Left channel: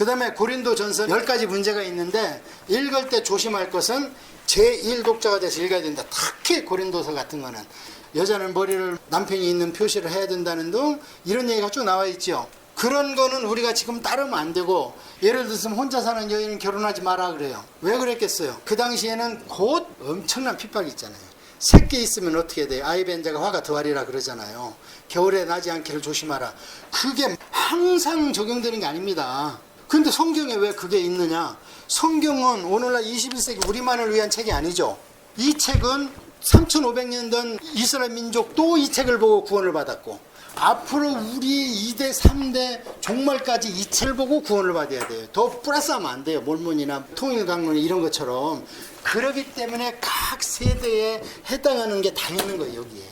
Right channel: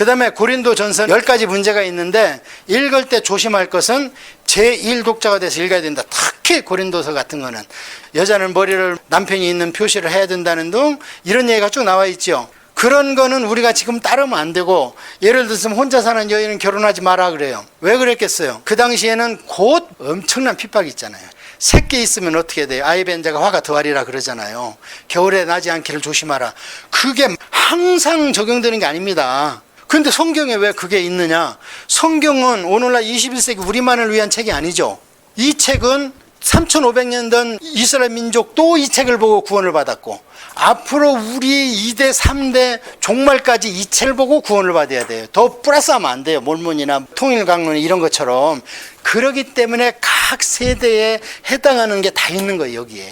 그 다음에 고린도전서 10가지 문제가 있는데 읽을 때 조심할 것은 제1독자가 돼서 읽어야 된다. 특히 고린도서 같은 거는 여자는 머리를 남편이 있는 표시를 해야 된다는 등 이런 얘기가 쭉 나와 있죠. 그런 거는 우리가 지금 따르면 안 되고, 예를 들어서 혼자 사는 여인은 결혼하지 마라 그래요. 왜 그랬겠어요? 그 당시에는 곧 엄청난 핍박이 있잖아요. 새끼 있으면 어떻게 돼요? 아이 뵌 자가 화가 더하리라 그러잖아요. 겨울에 나지 않기를 조심하라. 그게 항상 적용되는 게 아닙니다. 근데 성경에 왜 그게 있느냐? 성경은 오늘날 21세기 우리만을 위한 책이 아니죠. 이 책은 3500년 전 이스라엘 민족도 이 책을 보고 구원을 받았고, 앞으로 우리 2대 3대 종말까지 이 책을 보고 구원을 받아야 돼요. 더 플러스하면 안 돼요. 몰몬이나 통일강론 이런 것처럼. 그렇기 때문에 각 세대에 해당하는 게 다 있는 거예요. 여기에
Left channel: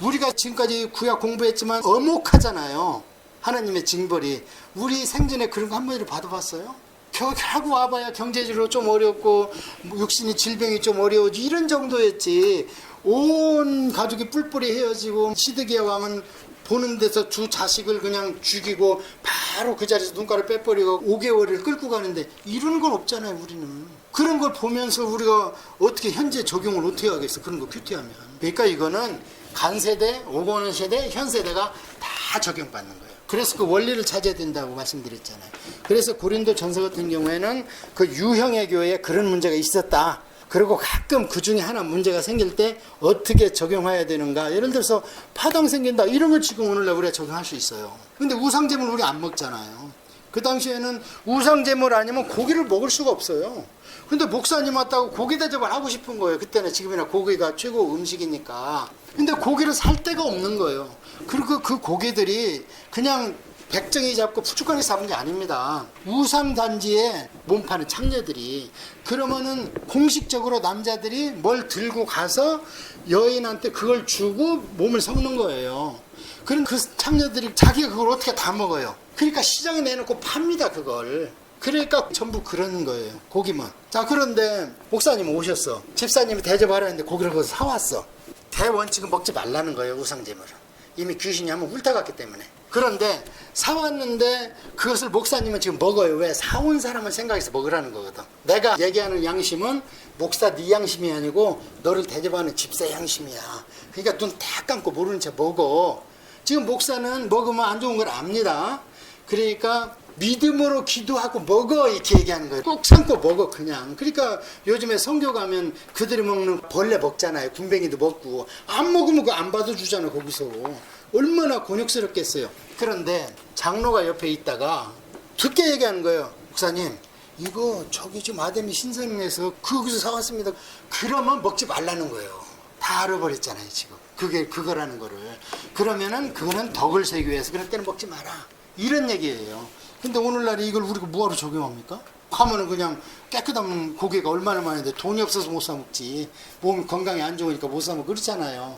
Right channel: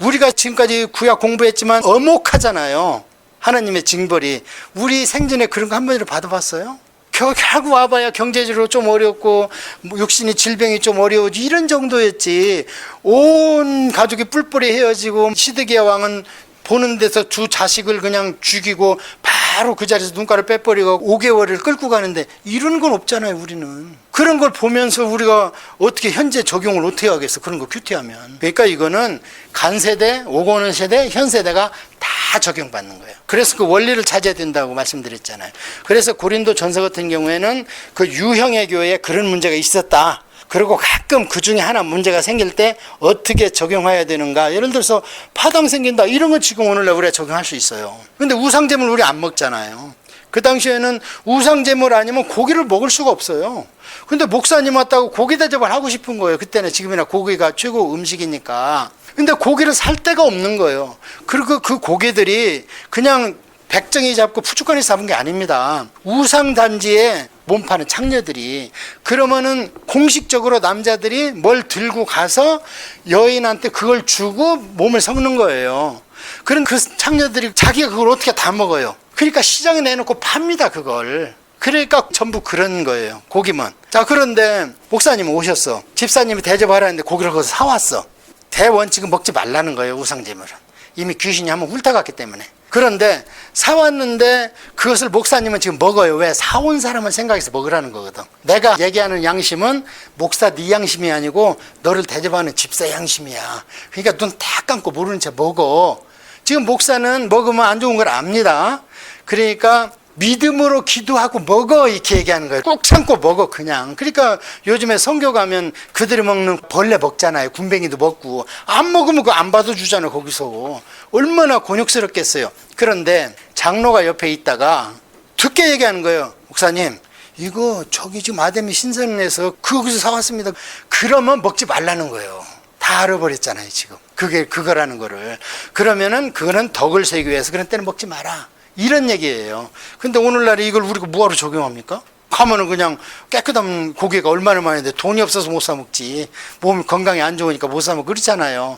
우리가 지금까지 구약 공부했지만 어목하잖아요. 하나님의 징벌이. 우리 생전에 그런 거 한 번이라도 받아봤어요? 결국 와봐야 경제적으로 좀 어렵고 육신이 질병이 좀 어려우지 이런 정도였지. 온 가족이 뿔뿔이 헤어지고 시드기야 왕은 보는 데서 두 자식을 그냥 죽이고 바로 그 자리에서 눈가를 빼버리고 5개월을 끌고 가는데 이런 건 없잖아요. 우리는 그런 걸 보면서 우리가 어떻게 현재 적용을 어떻게 하겠어, 그런 거 큐티하면. 그러니까 이거는 간세대, 오고 오는 세대, 현 세대가 다 적용받는 거예요. 그래서 그 원리를 찾아야 된다고 말씀드렸잖아요. 그래서 고린도 전서 같은 경우에는 그 유형의 교회에 그런 문제가 있었다. 그리고 가끔 그 중에 하나 문제가 생길 때 어떻게 적용해야 되는가. 예를 들어서 파당 생긴다, 이런 건 지금 오늘날 우리가 적용할 수 있어요. 근데 우상제물 우리 안 먹잖아요. 그 당시에는 우상제물 아니면 고기를 먹을 수가 없어요. 근데 목사님 왔다고 고기 대접을 하고 싶은 거예요. 그때는 지금이나 고기가 최고 음식이니까. 근데 고기를 살 데가 없는 거예요. 그리고 그 고기들이 그냥 백정이 잡고 푸주간이 잡은 게 아닙니다. 우상단지에 몸 파는 창녀들이. 그러면은 공식적으로 남자들이 뭘 들고 가서 여인한테 그걸 주고 몸을 섞는 거예요. 그럼 그 창녀들이 자기가 그걸 어떻게 다 먹어요. 그러니까 시장에 내놓고 팝니다, 그걸. 그러니까 전부 그런 거예요, 고기만. 자, 그런데 목사님이 오셨어. 집사님이 대접하라는데 고기를 거기서 사왔어. 대원칙은 먹지 말라는 거예요, 우상제물은. 이미 귀신이 한번 훑어갔기 때문에. 그런데 사왔는데 그것을 목사님은 지금 먹어요. 왜? 사온 사람을 생각해서 먹으라는 거거든. 내가 얘기하는 양심은 목사 네 양심이 아니고 너를 대접하는 집사 양심이야. 그러니까 눈 딱 감고 모르는 채 먹어. 지금 목사는 먹으면 안 좋은 걸 압니다. 그러니까 믿음으로 기도하고 먹어, 이렇게 얘기하는 거예요. 꼭 참고 먹어, 그냥. 그러니까 요즘에 선교 가면 그들이 먹는 벌레 먹잖아요. 군뱅이도 먹고. 안 먹으면 그거 안 받아주잖아요, 거기서. 얼마나 곤욕스럽겠어요. 그런데 장로가 옆에 있다가 듣게 얘기하는 거예요. 목사님, 이거 저기 지금 아데미 신선에서 거기서 사왔습니다. 그러면 먹지 말라는 거예요. 다 알아버렸잖아요, 지금. 그게 그거라는 거를. 그러면은 그거는 덕을 세기 위해서 그런 때는 먹지 마라, 이런 얘기예요. 근데 오늘날 이걸 우리가 뭐하러 적용합니까? 가면은 그냥 깨끗한 고기가 얼마나 많은데 돈이 없어서 못 사 먹지. 몸 건강이 안 좋으니까 못 사 먹고 그렇잖아요.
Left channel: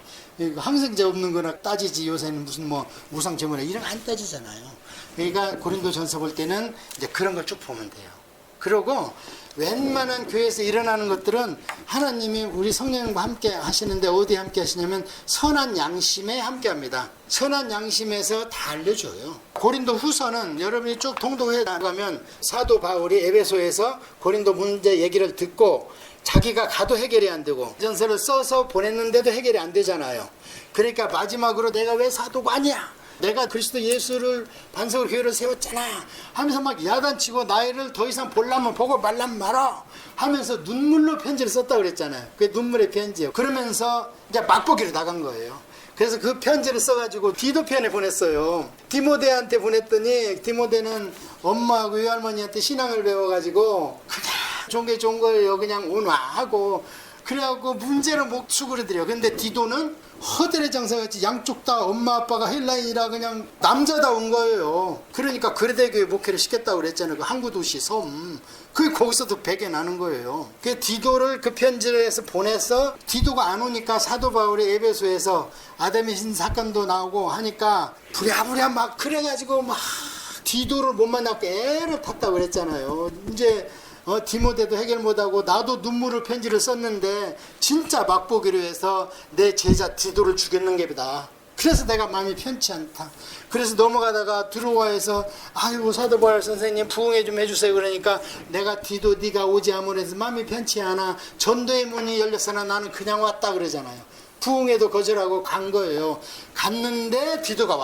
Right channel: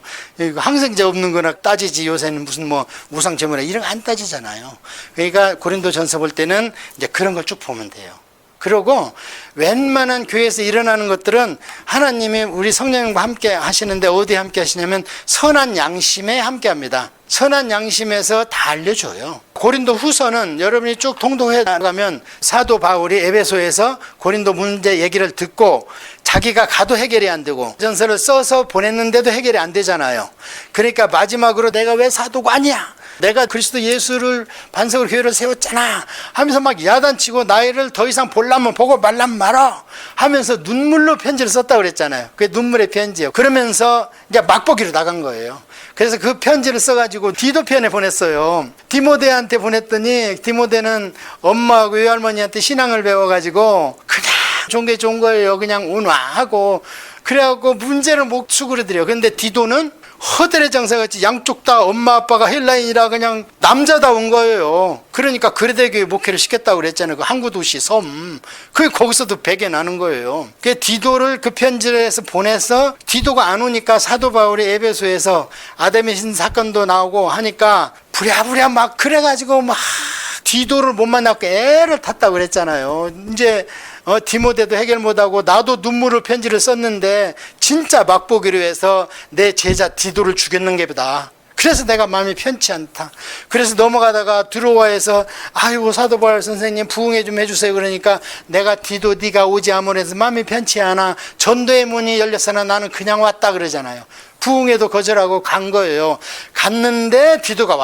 항생제 없는 거나 따지지. 요새는 무슨 뭐 우상제물에 이런 거 안 따지잖아요. 그러니까 고린도전서 볼 때는 이제 그런 걸 쭉 보면 돼요. 그리고 웬만한 교회에서 일어나는 것들은 하나님이 우리 성령님과 함께 하시는데 어디에 함께 하시냐면 선한 양심에 함께 합니다. 선한 양심에서 다 알려줘요. 고린도 후서는 여러분이 쭉 통독해 나가면 사도 바울이 에베소에서 고린도 문제 얘기를 듣고 자기가 가도 해결이 안 되고 전서를 써서 보냈는데도 해결이 안 되잖아요. 그러니까 마지막으로 내가 왜 사도가 아니야, 내가 그리스도 예수를 반석으로 교회를 세웠잖아 하면서 막 야단치고 나이를 더 이상 보려면 보고 말라면 말아 하면서 눈물로 편지를 썼다고 그랬잖아요. 그게 눈물의 편지예요. 그러면서 이제 맛보기로 나간 거예요. 그래서 그 편지를 써가지고 디도편에 보냈어요. 디모데한테 보냈더니 디모데는 엄마하고 외할머니한테 신앙을 배워가지고 그냥 종교에 좋은 거예요. 그냥 운화하고 그래갖고 문제를 못 수그러들여요. 근데 디도는 허들의 장사같이 양쪽 다 엄마 아빠가 헬라인이라 그냥 남자다운 거예요. 그러니까 그레데교회 목회를 시켰다고 그랬잖아요. 그 항구 도시 섬. 그게 거기서도 배게 나는 거예요. 그 디도를 그 편지를 해서 보내서 디도가 안 오니까 사도 바울이 에베소에서 아데미신 사건도 나오고 하니까 부랴부랴 막 그래가지고 막 디도를 못 만났고 애를 탔다고 그랬잖아요. 이제 디모데도 해결 못하고 나도 눈물을 편지를 썼는데 진짜 맛보기로 해서 내 제자 디도를 죽였는 게보다 그래서 내가 마음이 편치 않다. 그래서 넘어가다가 드로아에서 아이고 사도 바울 선생님 부흥회 좀 해주세요. 그러니까 내가 디도 네가 오지 아무래도 마음이 편치 않아. 전도의 문이 열렸으나 나는 그냥 왔다 그러잖아요. 부흥회도 거절하고 간 거예요. 갔는데 디도가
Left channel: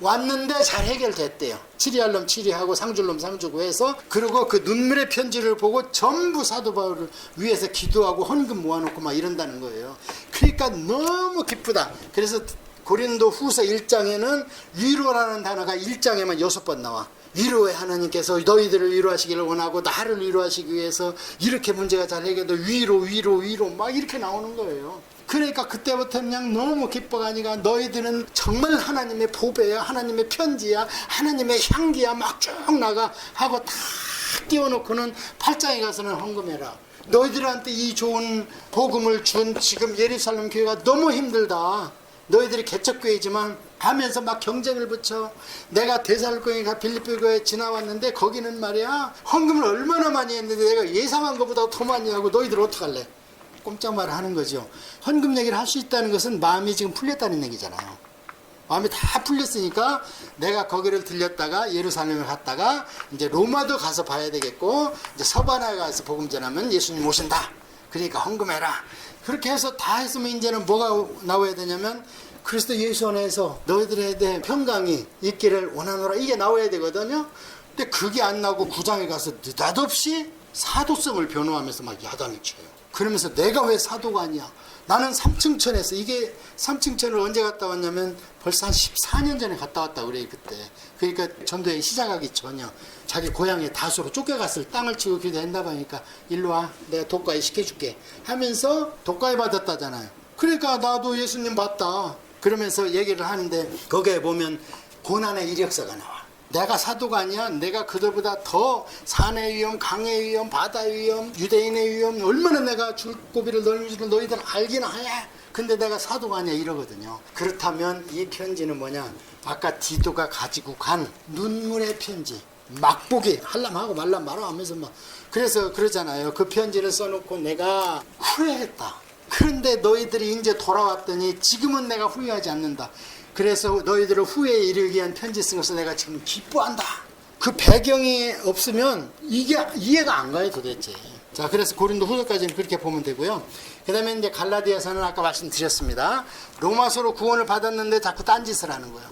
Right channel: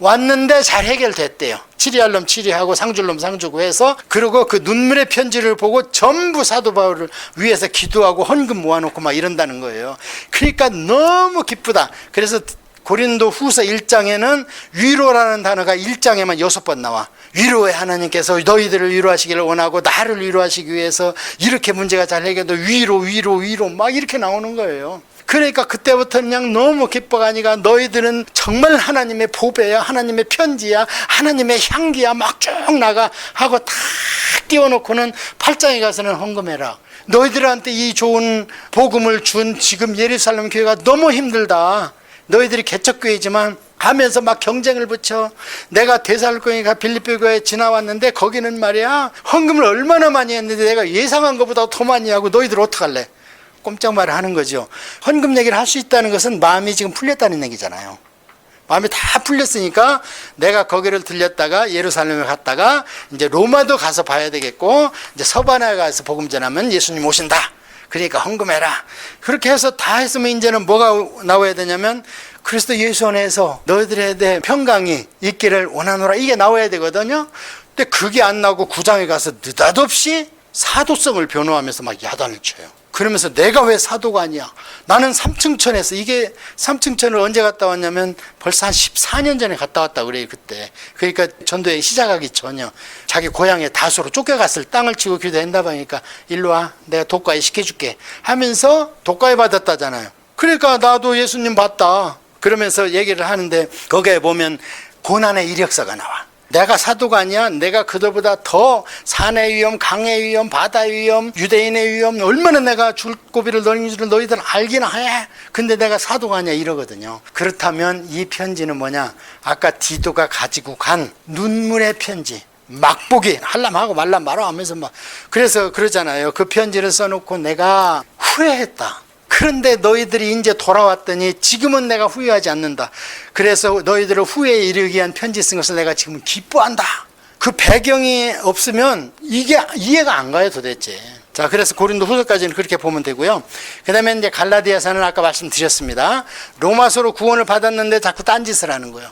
왔는데 잘 해결됐대요. 치리할 놈 치리하고 상줄 놈 상주고 해서, 그리고 그 눈물의 편지를 보고 전부 사도 바울을 위해서 기도하고 헌금 모아놓고 막 이런다는 거예요. 그러니까 너무 기쁘다. 그래서 고린도 후서 1장에는 위로라는 단어가 1장에만 6번 나와. 위로의 하나님께서 너희들을 위로하시기를 원하고 나를 위로하시기 위해서 이렇게 문제가 잘 해결돼 위로 막 이렇게 나오는 거예요. 그러니까 그때부터 그냥 너무 기뻐가니까 너희들은 정말 하나님의 보배야, 하나님의 편지야, 하나님의 향기야 막 쭉 나가 하고 다 띄워놓고는 8장에 가서는 헌금해라. 너희들한테 이 좋은 복음을 준 지금 예루살렘 교회가 너무 힘들다. 너희들이 개척교회지만 하면서 막 경쟁을 붙여. 내가 데살로니가 빌립보 교회에 지나왔는데 거기는 말이야 헌금을 얼마나 많이 했는데 내가 예상한 것보다 더 많이 하고 너희들 어떡할래? 꼼짝 말을 하는 거죠. 헌금 얘기를 할 수 있다는 것은 마음이 지금 풀렸다는 얘기잖아요. 마음이 다 풀렸으니까 내가 거기를 들렸다가 예루살렘에 갔다가 이제 로마도 가서 봐야 되겠고, 이제 서바나에 가서 복음 전하면 예수님 오신다. 그러니까 헌금해라. 그렇게 해서 다 했으면 이제는 뭐가 나와야 되냐면 그리스도 예수 안에서 너희들에 대해 평강이 있기를 원하노라, 이게 나와야 되거든요. 근데 그게 안 나오고 9장에 가서 느닷없이 사도성을 변호하면서 막 야단을 쳐요. 그러면서 내가 왜 사도가 아니야? 나는 삼층천에서, 이게 삼층천을 언제 갔다 왔냐면 벌써 한 14년 전에 갔다 왔다 그래요, 그때. 그러니까 전도회 시작하기 전이요. 자기 고향에 다소로 쫓겨갔을 땅을 치고 기도한다 보니까 일로 와, 내가 독과에 시켜줄게 하면서 독과에 받았다잖아요. 그러니까 나도 예수님 봤다 그러면서 얘기를 하는데 거기에 보면 고난의 이력서가 나와. 내가 사도가 아니야. 내가 그들보다 더 산의 위험, 강의 위험, 바다의 위험, 유대인의 위험, 얼마나 내가 줄고비를 넣는 줄을 너희들은 알기나 해. 근데 내가 사도가 아니야 이러거든요. 그렇다면 이 편지는 뭐냐? 아까 디도가 가지고 간 눈물의 편지. 막보기 할람하고 말람 말아 하면서 막, 그래서 그러잖아요. 그 편지를 써놓고 내가 후회했다. 그런데 너희들이 이제 돌아왔더니 지금은 내가 후회하지 않는다. 그래서 너희들을 후회에 이르기 위한 편지 쓴 것을 내가 지금 기뻐한다. 그 배경이 없으면 이게 이해가 안 가요 도대체. 자, 그래서 고린도 후서까지는 그렇게 보면 되고요. 그 다음에 이제 갈라디아서는 아까 말씀드렸습니다. 로마서로 구원을 받았는데 자꾸 딴짓을 하는 거예요.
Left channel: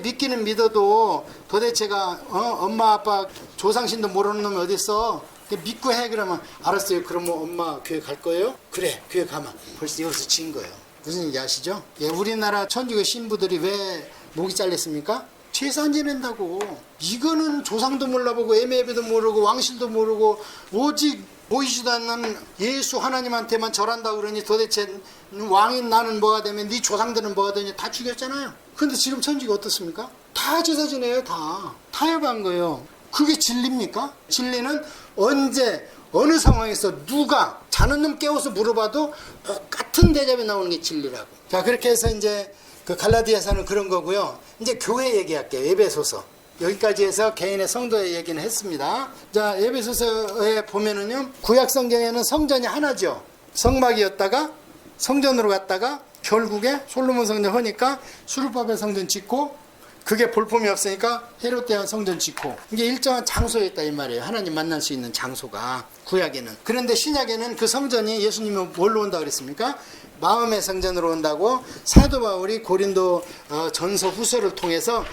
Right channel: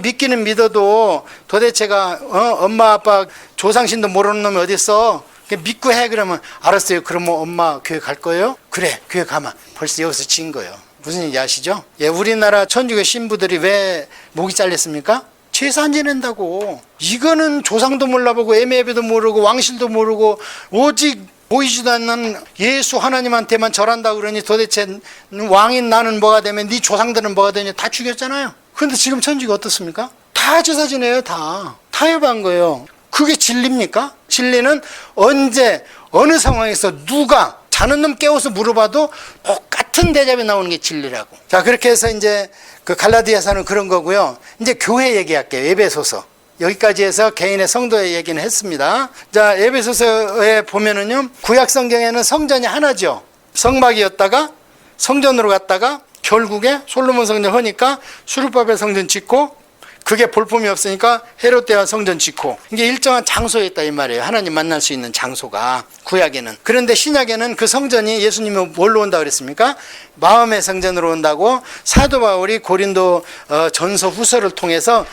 믿기는 믿어도 도대체가 엄마 아빠 조상신도 모르는 놈이 어딨어. 믿고 해. 그러면 알았어요. 그럼 뭐 엄마 교회 갈 거예요? 그래, 교회 가면. 벌써 여기서 진 거예요. 무슨 얘기 아시죠? 예, 우리나라 천주교 신부들이 왜 목이 잘렸습니까? 제사 안 지낸다고. 이거는 조상도 몰라보고 애매비도 모르고 왕실도 모르고 오직 보이지도 않는 예수 하나님한테만 절한다 그러니 도대체 왕인 나는 뭐가 되면 네 조상들은 뭐가 되냐 다 죽였잖아요. 그런데 지금 천주교 어떻습니까? 다 제사 지내요. 다 타협한 거예요. 그게 진리입니까? 진리는 언제 어느 상황에서 누가 자는 놈 깨워서 물어봐도 똑같은 대답이 나오는 게 진리라고. 자, 그렇게 해서 이제 그 갈라디아서는 그런 거고요. 이제 교회 얘기할게요. 에베소서. 여기까지 해서 개인의 성도의 얘기는 했습니다. 자, 에베소서에 보면은요, 구약 성경에는 성전이 하나죠. 성막이었다가 성전으로 갔다가 결국에 솔로몬 성전 하니까 수르바벨 성전 짓고, 그게 볼품이 없으니까 헤롯 대왕 성전 짓고, 이게 일정한 장소에 있다 이 말이에요. 하나님 만날 수 있는 장소가 구약에는. 그런데 신약에는 그 성전이 예수님이 뭘로 온다 그랬습니까? 마음의 성전으로 온다고 사도 바울이 고린도 전서 후서를 통해서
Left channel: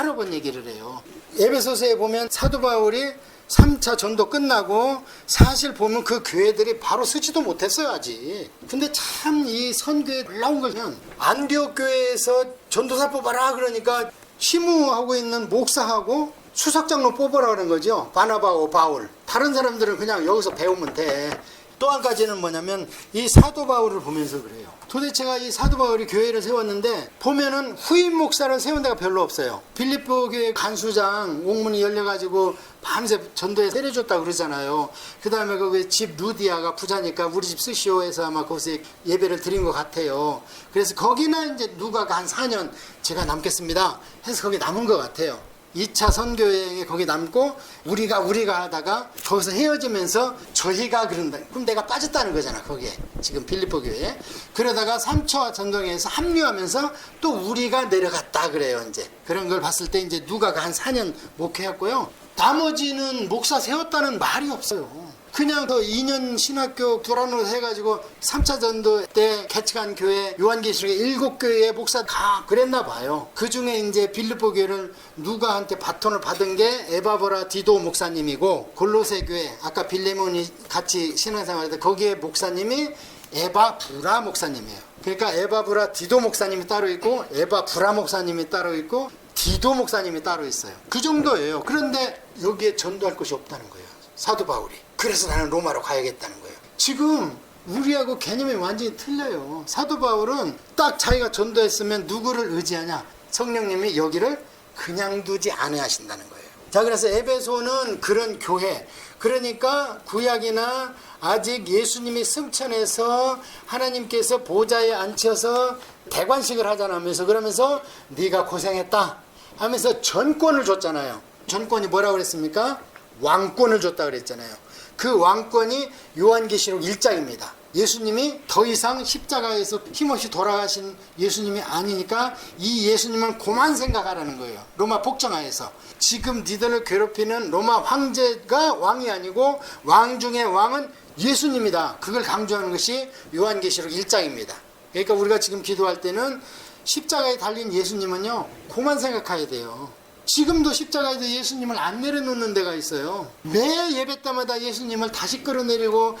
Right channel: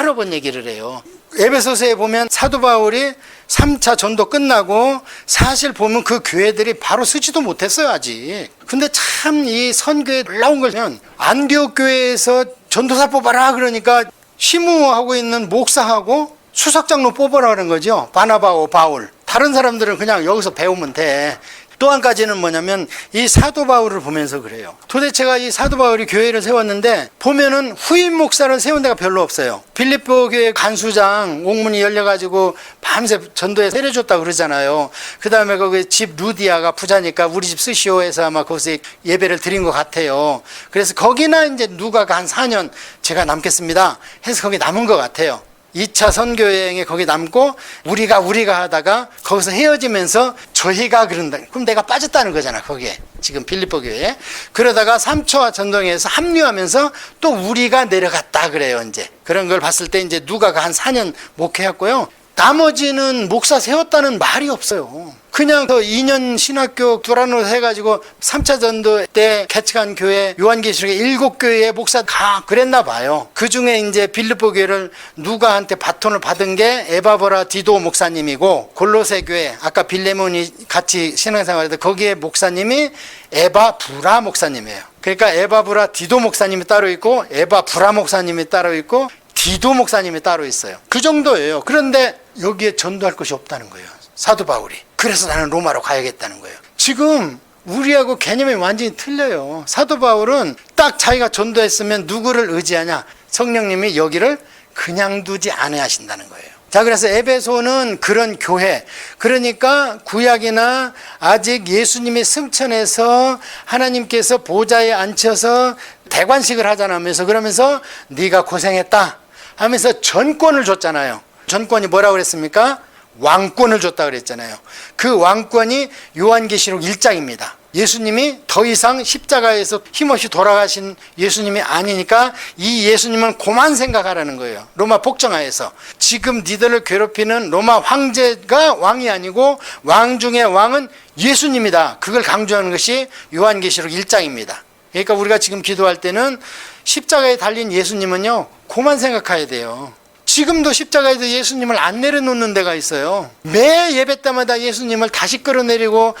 여러 번 얘기를 해요. 에베소서에 보면 사도 바울이 3차 전도 끝나고 사실 보면 그 교회들이 바로 서지도 못했어요 아직. 근데 참 이 선교에 올라온 거면 안디옥 교회에서 전도사 뽑아라 그러니까 시무하고 있는 목사하고 수석장로 뽑으라 그런 거죠. 바나바하고 바울. 다른 사람들은 그냥 여기서 배우면 돼. 또 한 가지는 뭐냐면 이 사도 바울을 보면서 그래요. 도대체가 이 사도 바울이 교회를 세웠는데 보면은 후임 목사를 세운 데가 별로 없어요. 빌립보 교회 간수장 옥문이 열려가지고 밤새 전도에 때려줬다고 그러잖아요. 그 다음에 거기 집 루디아가 부자니까 우리 집 쓰시오 해서 아마 거기서 예배를 드린 것 같아요. 그래서 거기나 이제 누가 한 4년 제가 남겠습니다 해서 거기 남은 것 같아요. 2차 선교 여행에 거기 남고 우리가 하다가 거기서 헤어지면서 저희가 그런다. 그럼 내가 빠졌다는 거잖아, 거기에. 지금 빌립보 교회에. 그러다가 3차 전도행에서 합류하면서 또 우리가 내려갔다 그래요, 이제. 그런 걸 봤을 때 이제 누가가 한 4년 목회했고요. 나머지는 목사 세웠다는 말이 없어요. 그냥 그 2년 신학교 두란으로 해가지고 3차 전도 때 개척한 교회 요한계시록에 7교회의 목사 다 그랬나 봐요. 그 중에 이제 빌립보 교회를 누가한테 바톤을 받은 게 에바브라 디도 목사님이고, 골로새 교회 아까 빌레몬이 같이 신앙생활했던 거기에 목사님이 에바브라 목사님이에요. 그러니까 에바브라 디도 목사님이 따로 있고 에바브라 목사님이 따로 있고 디도 목사님이 따로 있어요. 그 정도예요. 그런데 여기에 전도할 것이 없다는 거예요, 사도 바울이. 그래서 나는 로마로 가야겠다는 거예요. 지금 우리하고 개념이 완전히 틀려요. 사도 바울은 딱 자기가 전도했으면 누구를 의지하냐? 성령님이 여기를 그냥 두지 않아야 하신다는 거예요. 자, 그래서 에베소는 그런 교회, 그러니까 구약이나 아직 예수님이 승천해서 하나님께서 보좌에 앉혀서 대관식을 하잖아 하면서, 그러면서 네가 고생했다 하면서 전권을 줬잖아요. 전권이 뭐라고 그랬습니까? 왕권을 줬다 그랬잖아요. 그 왕권이 요한계시록 1장입니다. 예수님이 더 이상 십자가에서 힘없이 돌아가신 예수님이 아니니까 이 예수님은 그만 생각하라는 거예요. 로마 복정하에서 지금 니들을 괴롭히는 로마 황제가 왕이 아니고 왕 중의 왕은 예수님이다. 그걸 강조하는 것이 요한계시록 1장입니다. 그러니까 우리가 지금 기도할 때는 십자가에 달린 예수님은요, 그만 생각해야 돼요. 지금도 십자가에서 예수님을 안 내려놓는 데가 있어요. 매 예배 때마다 예수님을 다시 끌어내리고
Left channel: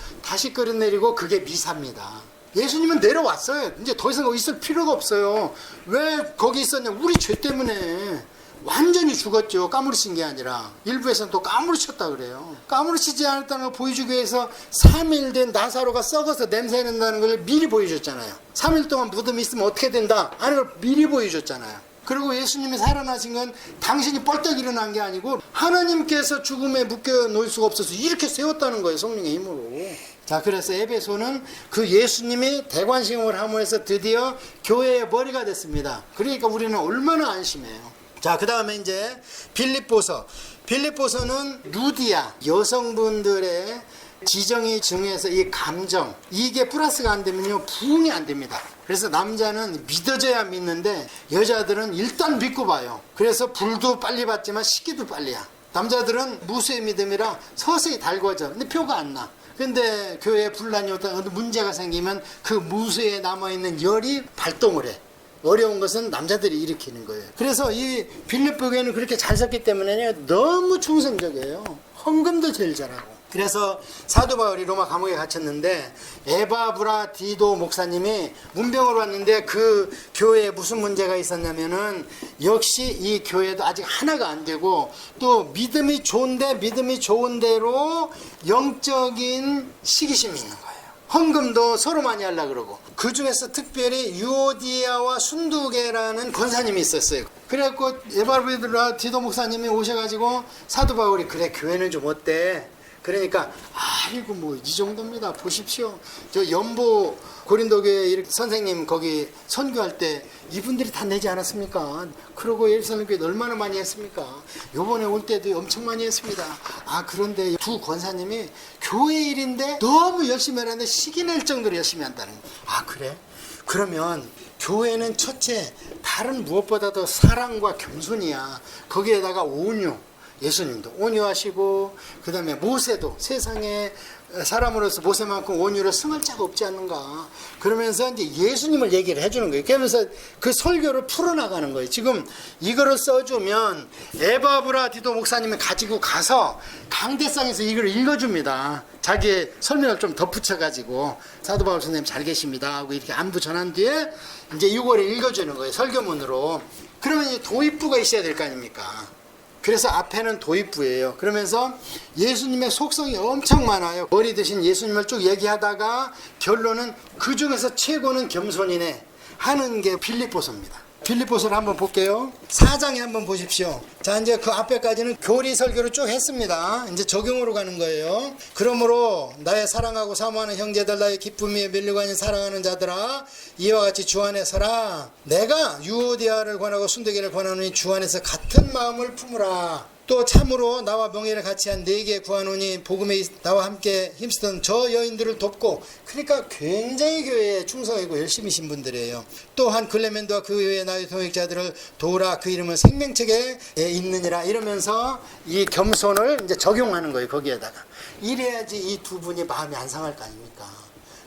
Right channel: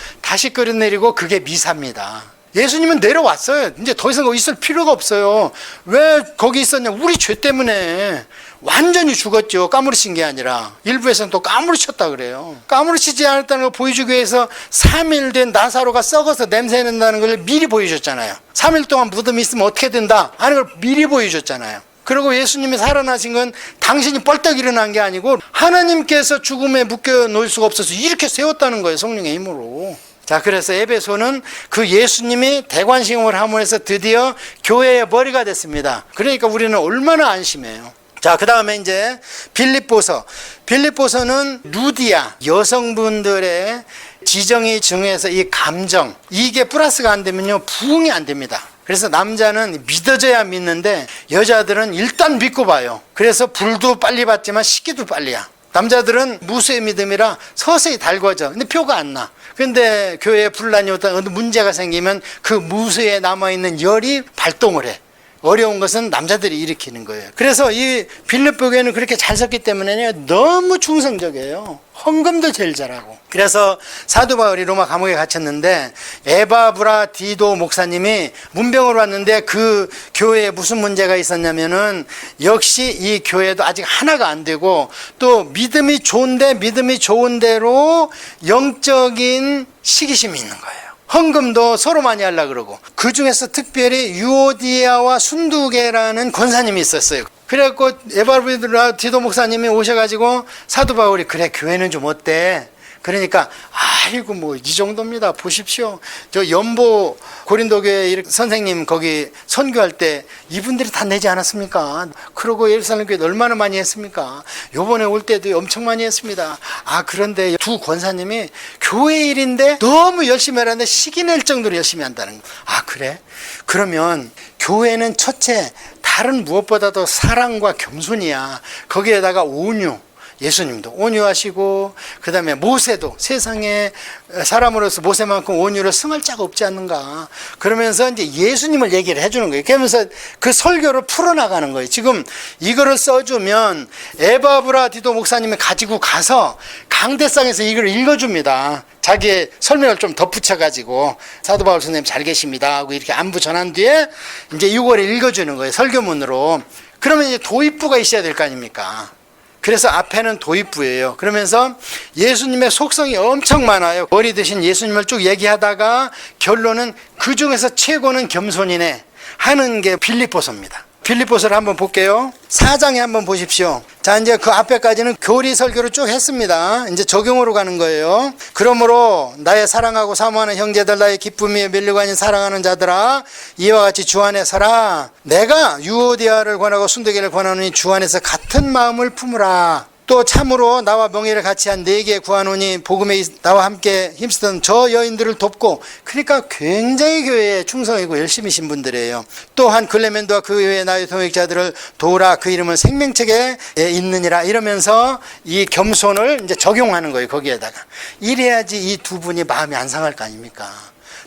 그게 미사입니다. 예수님은 내려왔어요. 이제 더 이상 거기 있을 필요가 없어요. 왜 거기 있었냐? 우리 죄 때문에 완전히 죽었죠. 까무러친 게 아니라. 일부에서는 또 까무러쳤다 그래요. 까무러치지 않았다는 걸 보여주기 위해서 3일 된 나사로가 썩어서 냄새 난다는 걸 미리 보여줬잖아요. 3일 동안 무덤이 있으면 어떻게 된다 하는 걸 미리 보여줬잖아요. 그리고 예수님이 살아나신 건 당신이 뻘떡 일어난 게 아니고 하나님께서 죽음에 묶여 놓을 수가 없어서 이렇게 세웠다는 거예요, 성령의 힘으로. 자, 그래서 에베소는 그 예수님이 대관식을 함으로 해서 드디어 교회의 머리가 됐습니다. 그러니까 우리는 얼마나 안심해요. 자, 그 다음에 이제 빌립보서는 루디아, 여성분들의 지정이 중요해서 이 감정, 이게 플러스가 안 되면요, 부흥이 안 됩니다. 그래서 남자는 믿어져야 믿는데 여자들은 일단 믿고 봐요. 그래서 불도 빨리 받지만 식기도 빨리야. 남자들은 무수의 믿음이라 서서히 달궈져. 근데 표가 안 나. 근데 교회에 분란이 어떤 문제가 생기면 그 무수에 남아있는 열이 발동을 해. 어려운 것은 남자들이 일으키는 거예요. 그래서 이 빌립보 교회는 그렇게 잘 섰기 때문에 너무 충성적이에요. 헌금도 제일 잘하고. 그래서 사도 바울이 로마 감옥에 갇혔는데 에바브라 디도 목사님이 문병으로 왔는데 그 교회에 무슨 문제가 있었냐면은 역시 이 교회도 아직 하나가 안 되고 또 믿음이 좋은 대로 영적인 시기심이 있는 거예요. 헌금도 서로 많이 하려고 그러고, 그 중에서 특별히 유오디아와 순두계라는 권사님이 있었어요. 그래갖고 에바브라 디도 목사님이 오셔가지고 사도 바울이 그래, 교회는 좀 어때? 그러니까 아이고 뭐 이 정도입니다. 보십시오. 저 연보 고린도교회 선생님 거기 선교할 때 이분들이 다 내지 않았습니까? 그러고 예루살렘 교회 얼마나 많이 했습니까? 요번에 올 때도 엄청 많이 했습니다. 아, 그런데 두 권사님이 교회 일인데 너무 열심히 하는데 시기 낼 정도로 열심히 한다는 거. 아, 그래? 그러면 교회는 첫째 다른 무엇보다도 사랑과 겸손이야. 거기에다가 온유. 예수님도 온유하시고 그 다음에 모세도 세상에 사람으로서 모세만큼 온유를 승할 자가 없지 않는가. 그러면서 이제 예수님을 얘기를 해주는 거예요. 그러면서 그 설교를 풀어나가는 거예요. 지금 이거를 써주면 에바브라 디도 목사님이 가지고 가서 강대상에서 이걸 읽어줍니다. 자기의 설명을 좀 덧붙여가지고 사도 바울 선생님 잘 계십니다 하고 이렇게 안부 전한 뒤에 이제 이거를 읽어주는 거예요. 설교문으로. 그러면 이제 도입부가 있어야 될 거 아닙니까? 그래서 앞에는 도입부예요. 그러면서 예수님의 속성이 엄청 많아요. 머리 드신 예수님을 쭉 얘기하다가 결론은 그 중에서 최고는 겸손이네 하는 게 빌립보서입니다. 빌립보서를 한번 볼게요. 4장에 한번 보십시오. 자, 이제 그 앞에까지는 교리 설교를 쭉 했습니다. 이제 적용으로 가는 거예요. 그러므로 나의 사랑하고 사모하는 형제들, 나의 기쁨이 밀리고 아닌 사랑하는 자들아, 이와 같이 주 안에 서라. 내가 유오디아를 권하고 순도기를 권하노니 주 안에서 같은 마음을 품으라. 또 참으로 나와 명예를 같이 한 네게 구하노니 복음에 나와 함께 힘쓰던 저 여인들을 돕고. 그러니까 굉장히 교회에 충성이고 열심히신 분들이에요. 또한 글레멘도와 그 외의 나의 동역자들을 도우라. 그 이름은 생명책에 있느니라. 이러면서 이 겸손을 이제 적용하는 거예요. 거기에다가 이래야지 이 두 분이 마음이 안 상할 거 아닙니까?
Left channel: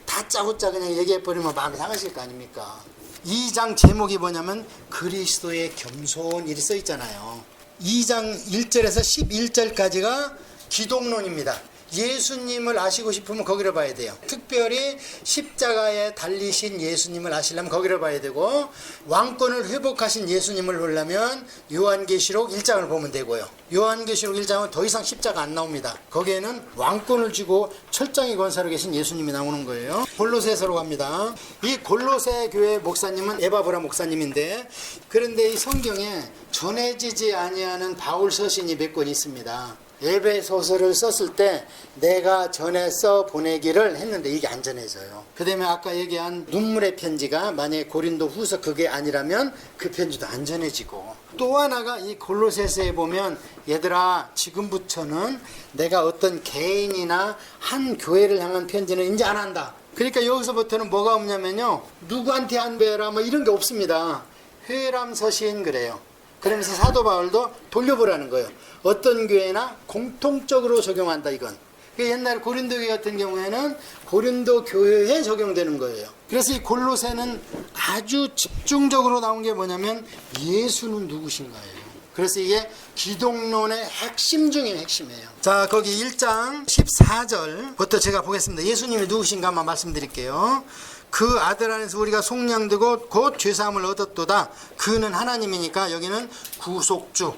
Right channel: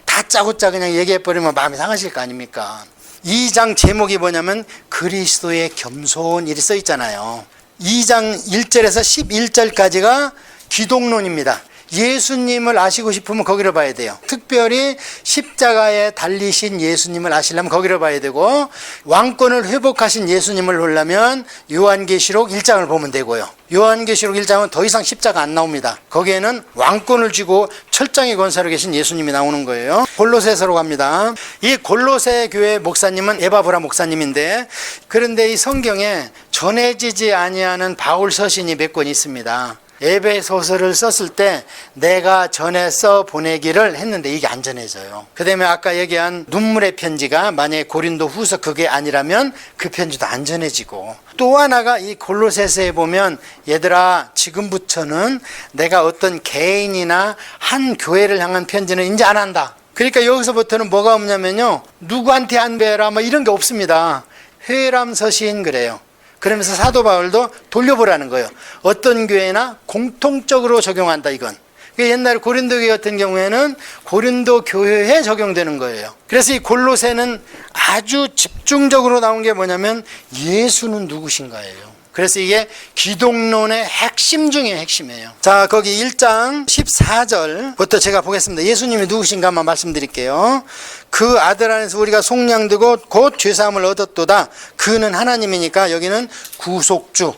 다짜고짜 그냥 얘기해버리면 마음이 상하실 거 아닙니까? 2장 제목이 뭐냐면 그리스도의 겸손, 이리 써 있잖아요. 2장 1절에서 11절까지가 기독론입니다. 예수님을 아시고 싶으면 거기를 봐야 돼요. 특별히 십자가에 달리신 예수님을 아시려면 거기를 봐야 되고, 왕권을 회복하신 예수님을 보려면 요한계시록 1장을 보면 되고요. 요한계시록 1장은 더 이상 십자가 안 나옵니다. 거기에는 왕권을 쥐고 철장에 건사로 계신 예수님이 나오는 거예요. 골로새서로 갑니다. 이 골로새 교회 목사님은 에바브라 목사님인데, 그런데 이 성경에 전해지지 아니하는 바울 서신이 몇 권 있습니다. 에베소서를 썼을 때 내가 전해서 보내기를 했는데 이게 안 전해져요. 그 다음에 아까 얘기한 눈물의 편지가 만약에 고린도 후서 그게 아니라면 그 편지도 안 전해지고, 또 하나가 이 골로새서에 보면 얘들아 지금부터는 내가 어떤 개인이나 한 교회를 향한 편지는 이제 안 한다. 그러니까 여기서부터는 뭐가 없냐면요, 누구한테 안 배라 뭐 이런 게 없습니다. 회람 서신 그래요. 그러면서 사도 바울도 돌려보라는 거예요. 어떤 교회나 공통적으로 적용한다 이건. 옛날에 고린도 교회 같은 경우에는 고린도 교회에 적용되는 거예요. 그래서 이 골로새는 아주 집중적으로 나온 게 뭐냐면 예수는 누구신가예요. 그래서 이게 기독론의 핵심 중에 핵심이에요. 자, 거기 1장 14절부터 제가 보겠습니다. 예수님이 누구신가 한번 말씀드릴게요. 그 아들 안에서 우리가 속량되고 곧 죄사함을 얻었도다. 그는 하나님이니까 여기는 구속주.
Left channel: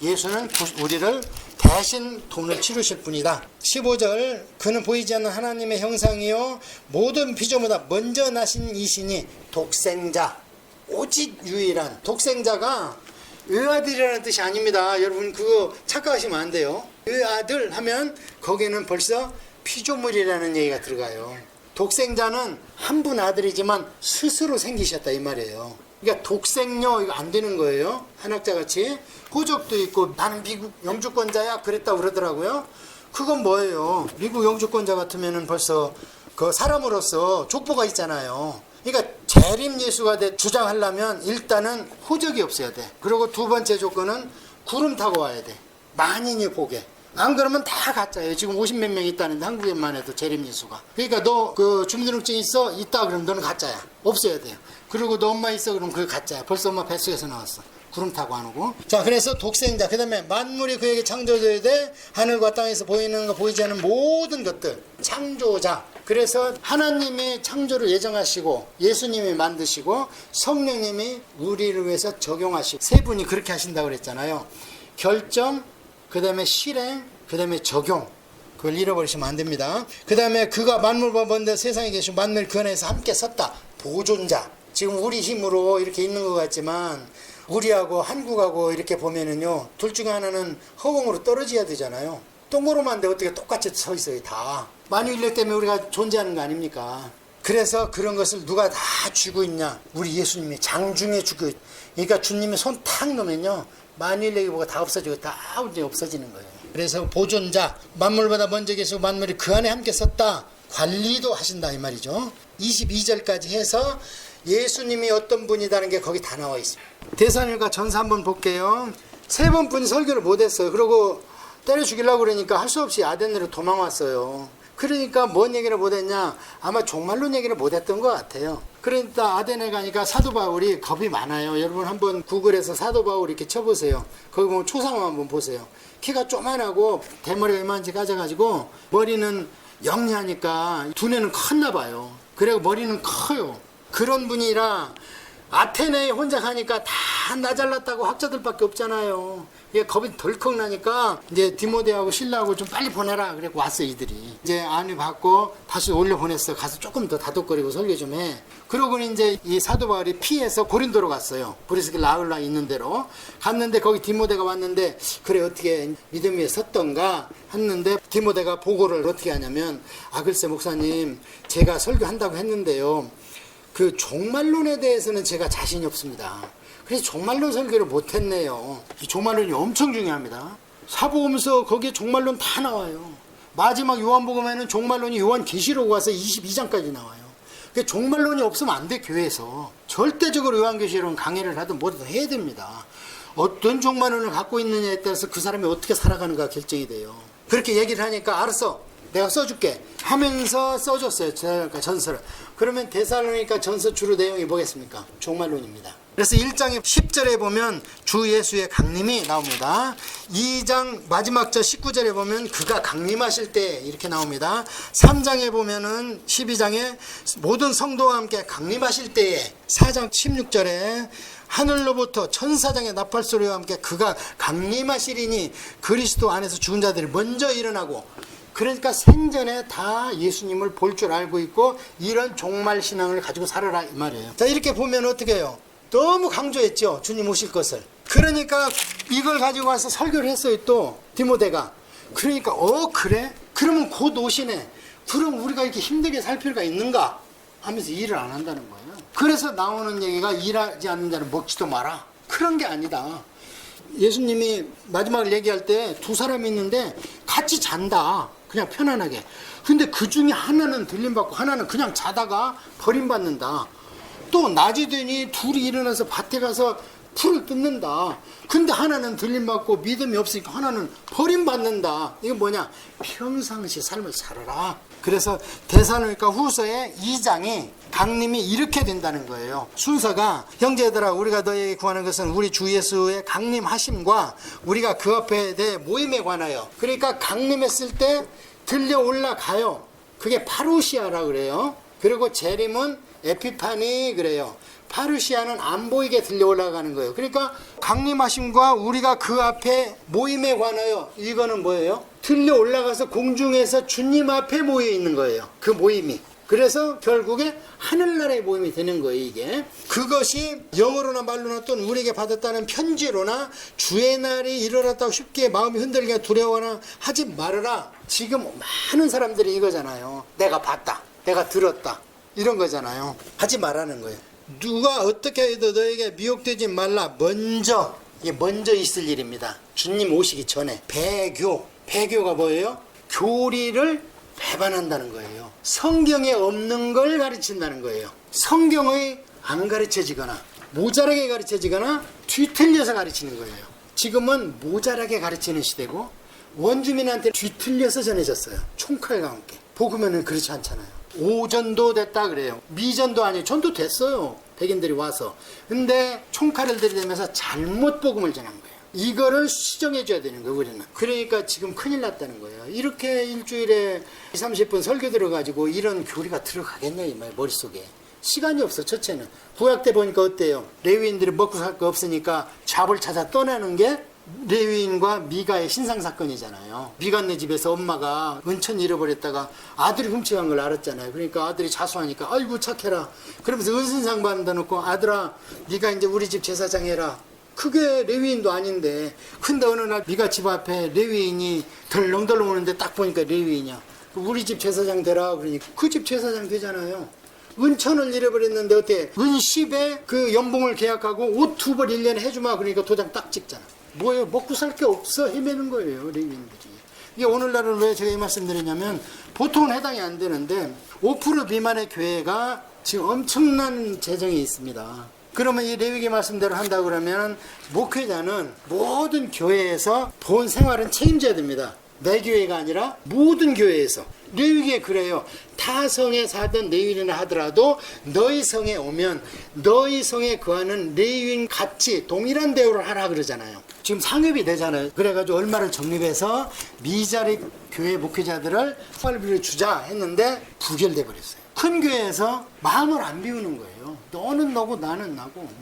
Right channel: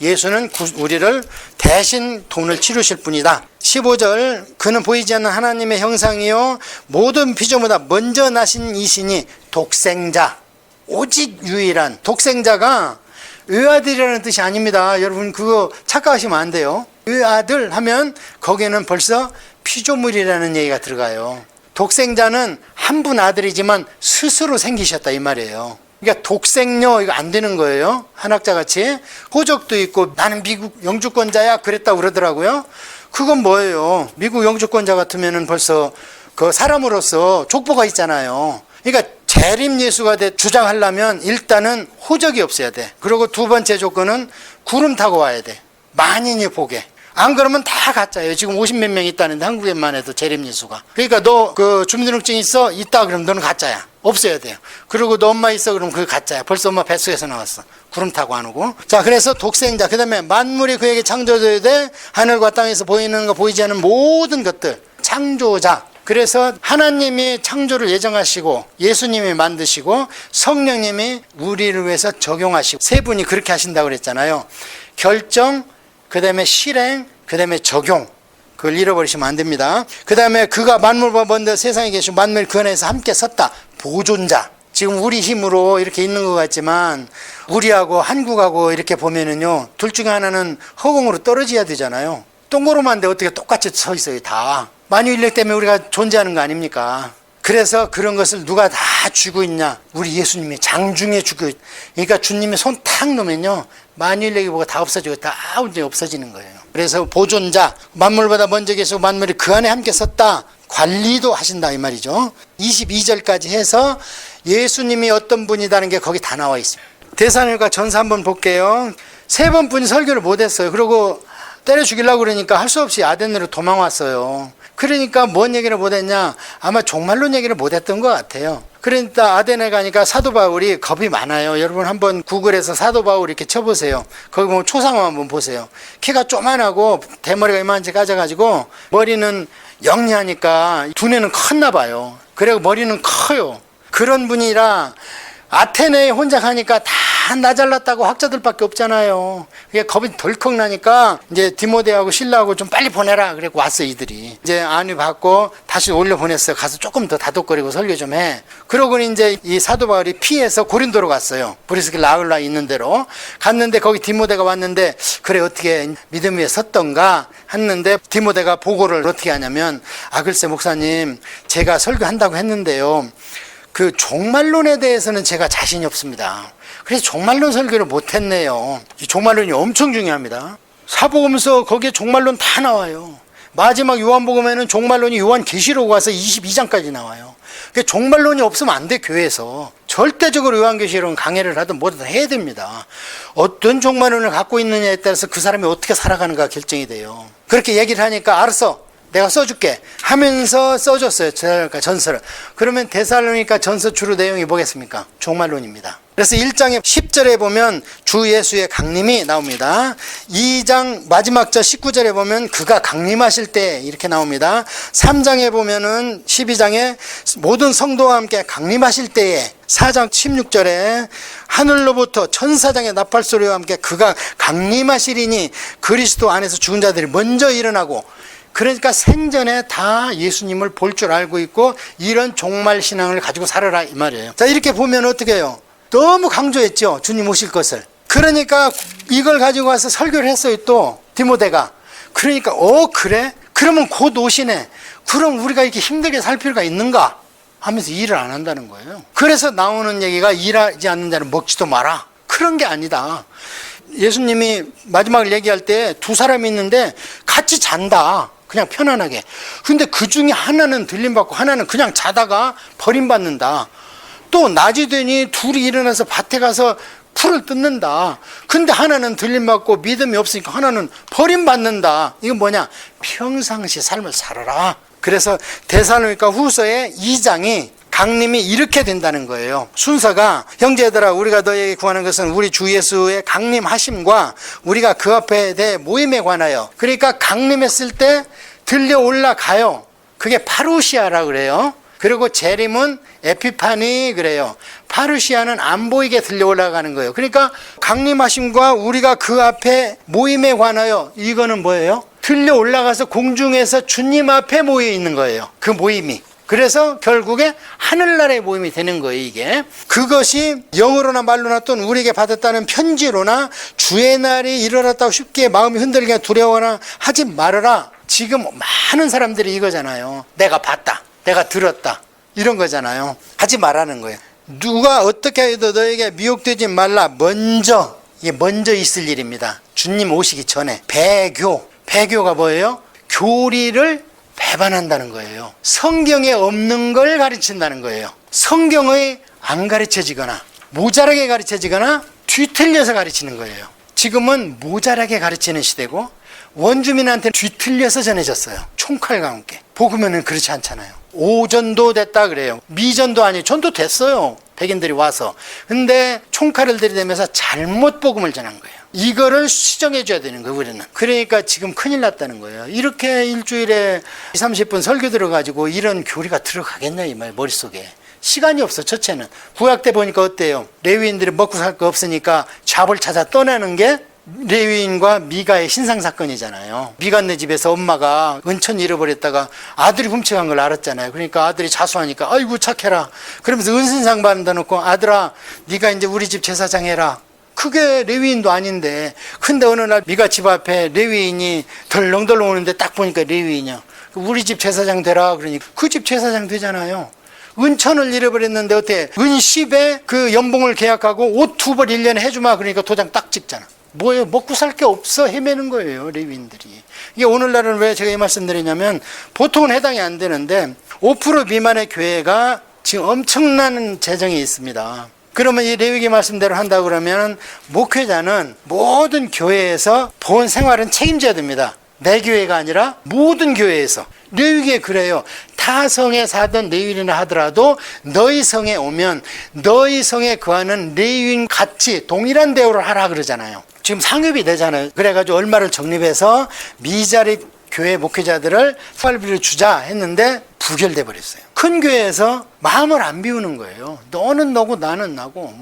예수는 우리를 대신 돈을 치르실 분이다. 15절 그는 보이지 않는 하나님의 형상이요 모든 피조보다 먼저 나신 이시니 독생자. 오직 유일한 독생자가 외아들이라는 뜻이 아닙니다. 여러분 그거 착각하시면 안 돼요. 외아들 하면 거기에는 벌써 피조물이라는 얘기가 들어가요. 독생자는 한 분 아들이지만 스스로 생기셨다 이 말이에요. 그러니까 독생녀 이거 안 되는 거예요. 한학자같이 호적도 있고 나는 미국 영주권자야 그랬다고 그러더라고요. 그건 뭐예요? 미국 영주권자 같으면은 벌써 그 사람으로서 족보가 있잖아요. 그러니까 재림 예수가 주장하려면 일단은 호적이 없어야 돼. 그리고 두 번째 조건은 구름 타고 와야 돼. 만인이 보게. 안 그러면 다 가짜예요. 지금 50몇 명 있다는데 한국에만 해도 재림 예수가. 그러니까 너 그 주민등록증 있어? 있다 그러면 너는 가짜야. 없어야 돼요. 그리고 너 엄마 있어? 그러면 그게 가짜야. 벌써 엄마 뱃속에서 나왔어. 구름 타고 안 오고. 자, 그래서 독생자. 그 다음에 만물이 그에게 창조되어야 돼. 하늘과 땅에서 보이는 거 보이지 않는 모든 것들. 창조자. 그래서 하나님이 창조를 예정하시고 예수님이 만드시고 성령님이 우리를 위해서 적용하시고 세 분이 그렇게 하신다고 그랬잖아요. 결정, 그 다음에 실행, 그 다음에 적용. 그걸 잃어버리시면 안 됩니다. 그 다음에 그가 만물과 먼저 세상에 계시고 만물 그 안에서 함께 섰다. 보존자. 지금 우리 힘으로 이렇게 있는 것 같지만 우리하고 한국하고 이렇게 보면은요, 둘 중에 하나는 허공으로 떨어져야 되잖아요. 동그로만데 어떻게 똑같이 서 있어요 다. 만유인력 때문에 우리가 존재하는 거 아닙니까? 그래서 그런 것을 누가 다 쥐고 있냐? 우리 예수님이 장중에 쥐고 있. 그러니까 주님이 손 탁 놓으면요, 만유인력이 뭐가 다 없어지고 다 이제 없어지는 거예요. 그래서 보존자, 만물보다 먼저 계시고 만물이 그 안에 함께 섰다. 관리도 하신다 이 말이죠. 22절까지 해서 예수님이 어떤 분이다는 게 거기 다 나와 있어요. 데살로니가 전서 한번 볼게요. 세 번뿐이 설교를 못했어요. 그리고 때려 죽이려고 그러니까 할 수 없이 아덴으로 도망왔어요. 그러니까 뭔 얘기를 못했냐? 아마 종말론 얘기를 못했던 것 같아요. 그러니까 아덴에 가니까 사도 바울이 겁이 많아요. 여러분 한번 구글에서 사도 바울 이렇게 쳐보세요. 거기 보면 초상화 한번 보세요. 키가 쪼만하고 대머리가 이만치 까져가지고 머리는 영리하니까 두뇌는 컸나 봐요. 그리고 머리는 커요. 그런 분이라 아테네에 혼자 가니까 다 다 나 잘났다고 학자들밖에 없잖아요. 그게 겁이 덜컥 나니까 이제 디모데하고 실라하고 좀 빨리 보내라. 그래고 왔어 이들이. 이제 안위 받고 다시 올려 보냈어요. 가서 조금 더 다독거리고 설교 좀 해. 그러고는 이제 이 사도 바울이 피해서 고린도로 갔어요. 브리스길라 아울라 있는 대로 갔는데 거기 디모데가 왔는데 그래 어떻게 믿음 위에 섰던가 했는데 디모데가 보고를 어떻게 하냐면 글쎄 목사님 제가 설교한다고 했는데요. 그 종말론에 대해서는 제가 자신이 없습니다. 그래서 종말론 설교를 못했네요. 이 종말론이 엄청 중요합니다. 사복음서 거기에 종말론 다 나와요. 마지막 요한복음에는 종말론이 요한계시록 와서 22장까지 나와요. 그러니까 종말론이 없으면 안 돼. 교회에서 절대적으로 요한계시록은 강해를 하든 뭐든 해야 됩니다. 어떤 종말론을 갖고 있느냐에 따라서 그 사람이 어떻게 살아가는가 결정이 돼요. 그렇게 얘기를 하니까 알았어 내가 써줄게 하면서 써줬어요. 전서를. 그러면 데살로니가 전서 주로 내용이 뭐겠습니까? 종말론입니다. 그래서 1장의 10절에 보면 주 예수의 강림이 나옵니다. 2장 마지막 절 19절에 보면 그가 강림하실 때 이렇게 나옵니다. 3장에 보면은 12장에 모든 성도와 함께 강림하실 때에 4장 16절에 하늘로부터 천사장의 나팔소리와 함께 그가 강림하시리니 그리스도 안에서 죽은 자들이 먼저 일어나고 그러니까 생전에 다 예수님을 볼 줄 알고 있고 이런 종말 신앙을 가지고 살아라 이 말이에요. 자 이렇게 보면 어떻게 해요? 너무 강조했죠. 주님 오실 것을. 그러니까 이걸 가지고 와서 설교를 했어요. 또 디모데가. 그러니까 그래? 그러면 곧 오시네. 그럼 우리가 이렇게 힘들게 살 필요가 있는가? 하면서 일을 안 한다는 거예요. 그래서 나오는 얘기가 일하지 않는 자는 먹지도 마라. 그런 게 아니다. 예수님이 마지막을 얘기할 때 두 사람이 있는데 같이 잔다. 그냥 편안하게. 근데 그 중에 하나는 들림받고 하나는 그냥 자다가 버림받는다. 또 낮이 되니 둘이 일어나서 밭에 가서 풀을 뜯는다. 근데 하나는 들림받고 믿음이 없으니까 하나는 버림받는다. 이건 뭐냐? 평상시 삶을 살아라. 그래서 데살로니가 후서의 2장이 강림이 이렇게 된다는 거예요. 순서가 형제들아 우리가 너에게 구하는 것은 우리 주 예수의 강림하심과 우리가 그 앞에 대해 모임에 관하여. 그러니까 강림했을 때 들려 올라가요. 그게 파루시아라 그래요. 그리고 재림은 에피파니 그래요. 파루시아는 안 보이게 들려 올라가는 거예요. 그러니까 강림하심과 우리가 그 앞에 모임에 관하여 이거는 뭐예요? 들려 올라가서 공중에서 주님 앞에 모여 있는 거예요. 그 모임이. 그래서 결국에 하늘나라의 모임이 되는 거예요. 이게 그것이 영어로나 말로나 또는 우리에게 받았다는 편지로나 주의 날이 일어났다고 쉽게 마음이 흔들게 두려워나 하지 말아라. 지금 많은 사람들이 이거잖아요. 내가 봤다, 내가 들었다, 이런 거잖아요. 하지 말라는 거예요. 누가 어떻게 해도 너에게 미혹되지 말라. 이게 먼저 있을 일입니다. 주님 오시기 전에. 배교가 뭐예요? 교리를 배반한다는 거예요. 성경에 없는 걸 가르친다는 거예요. 성경의 안 가르쳐지거나 모자라게 가르쳐지거나 뒤틀려서 가르치는 거예요. 지금은 모자라게 가르치는 시대고 원주민한테 뒤틀려서 전해졌어요. 총칼과 함께. 복음에는 그렇지 않잖아요. 오전도 됐다 그래요. 미전도 아니에요. 전도 됐어요. 백인들이 와서. 근데 총칼을 들이대면서 잘못 복음을 전한 거예요. 이거를 수정해 줘야 되는 거예요. 우리는. 그러니까 지금 큰일 났다는 거예요. 이렇게 일주일에 30분 설교 들어가지고 이런 교리가 들어가겠냐 이 말 머릿속에. 시간이 없어. 첫째는 구약 때 보니까 어때요? 레위인들이 먹고 살 거 없으니까 잡을 찾아 떠나는 게 레위인과 미가의 신상사건이잖아요. 미가네 집에서 엄마가 은천 잃어버렸다가 아들이 훔쳐간 걸 알았잖아요. 그러니까 아들이 자수하니까 아이고 착해라 그러면서 은신상 받는다 놓고 아들아 네가 이제 우리 집 제사장 해라. 그게 레위인도 아닌데. 근데 어느 날 미가 집 앞에 레위인이 덜렁덜렁 오는데 딱 보니까 레위인이야. 우리 집 제사장 되라 그러니까 그 집 제사장 되잖아요. 은천을 잃어버렸는데 어때? 은10에 그 연봉을 계약하고 옷 2벌 1년에 해주마 그러니까 도장 딱 찍잖아. 뭐예요? 먹고 살 게 없어 헤매는 거예요. 레위인들이. 이게 오늘날은 왜 제가 이 말씀 드리냐면 보통은 해당이 안 되는데 5% 미만의 교회가 지금 엄청난 재정이 있습니다. 그러면 이 레위기 말씀대로 한다고 그러면 목회자는 모든 교회에서 본 생활은 책임져야 됩니다. 내 교회가 아니라 모든 교회에서. 레위기에 그래요. 타 성에 사던 레위인이나 하더라도 너희 성에 오면 너희 성에 거하는 레위인 같이 동일한 대우를 하라 그러잖아요. 지금 상급이 되잖아요. 그래가지고 얼마를 적립해서 미자리 교회 목회자들을 생활비를 주자 했는데 부결돼 버렸어요. 큰 교회에서 마음을 안 비우는 거예요. 너는 너고 나는 나고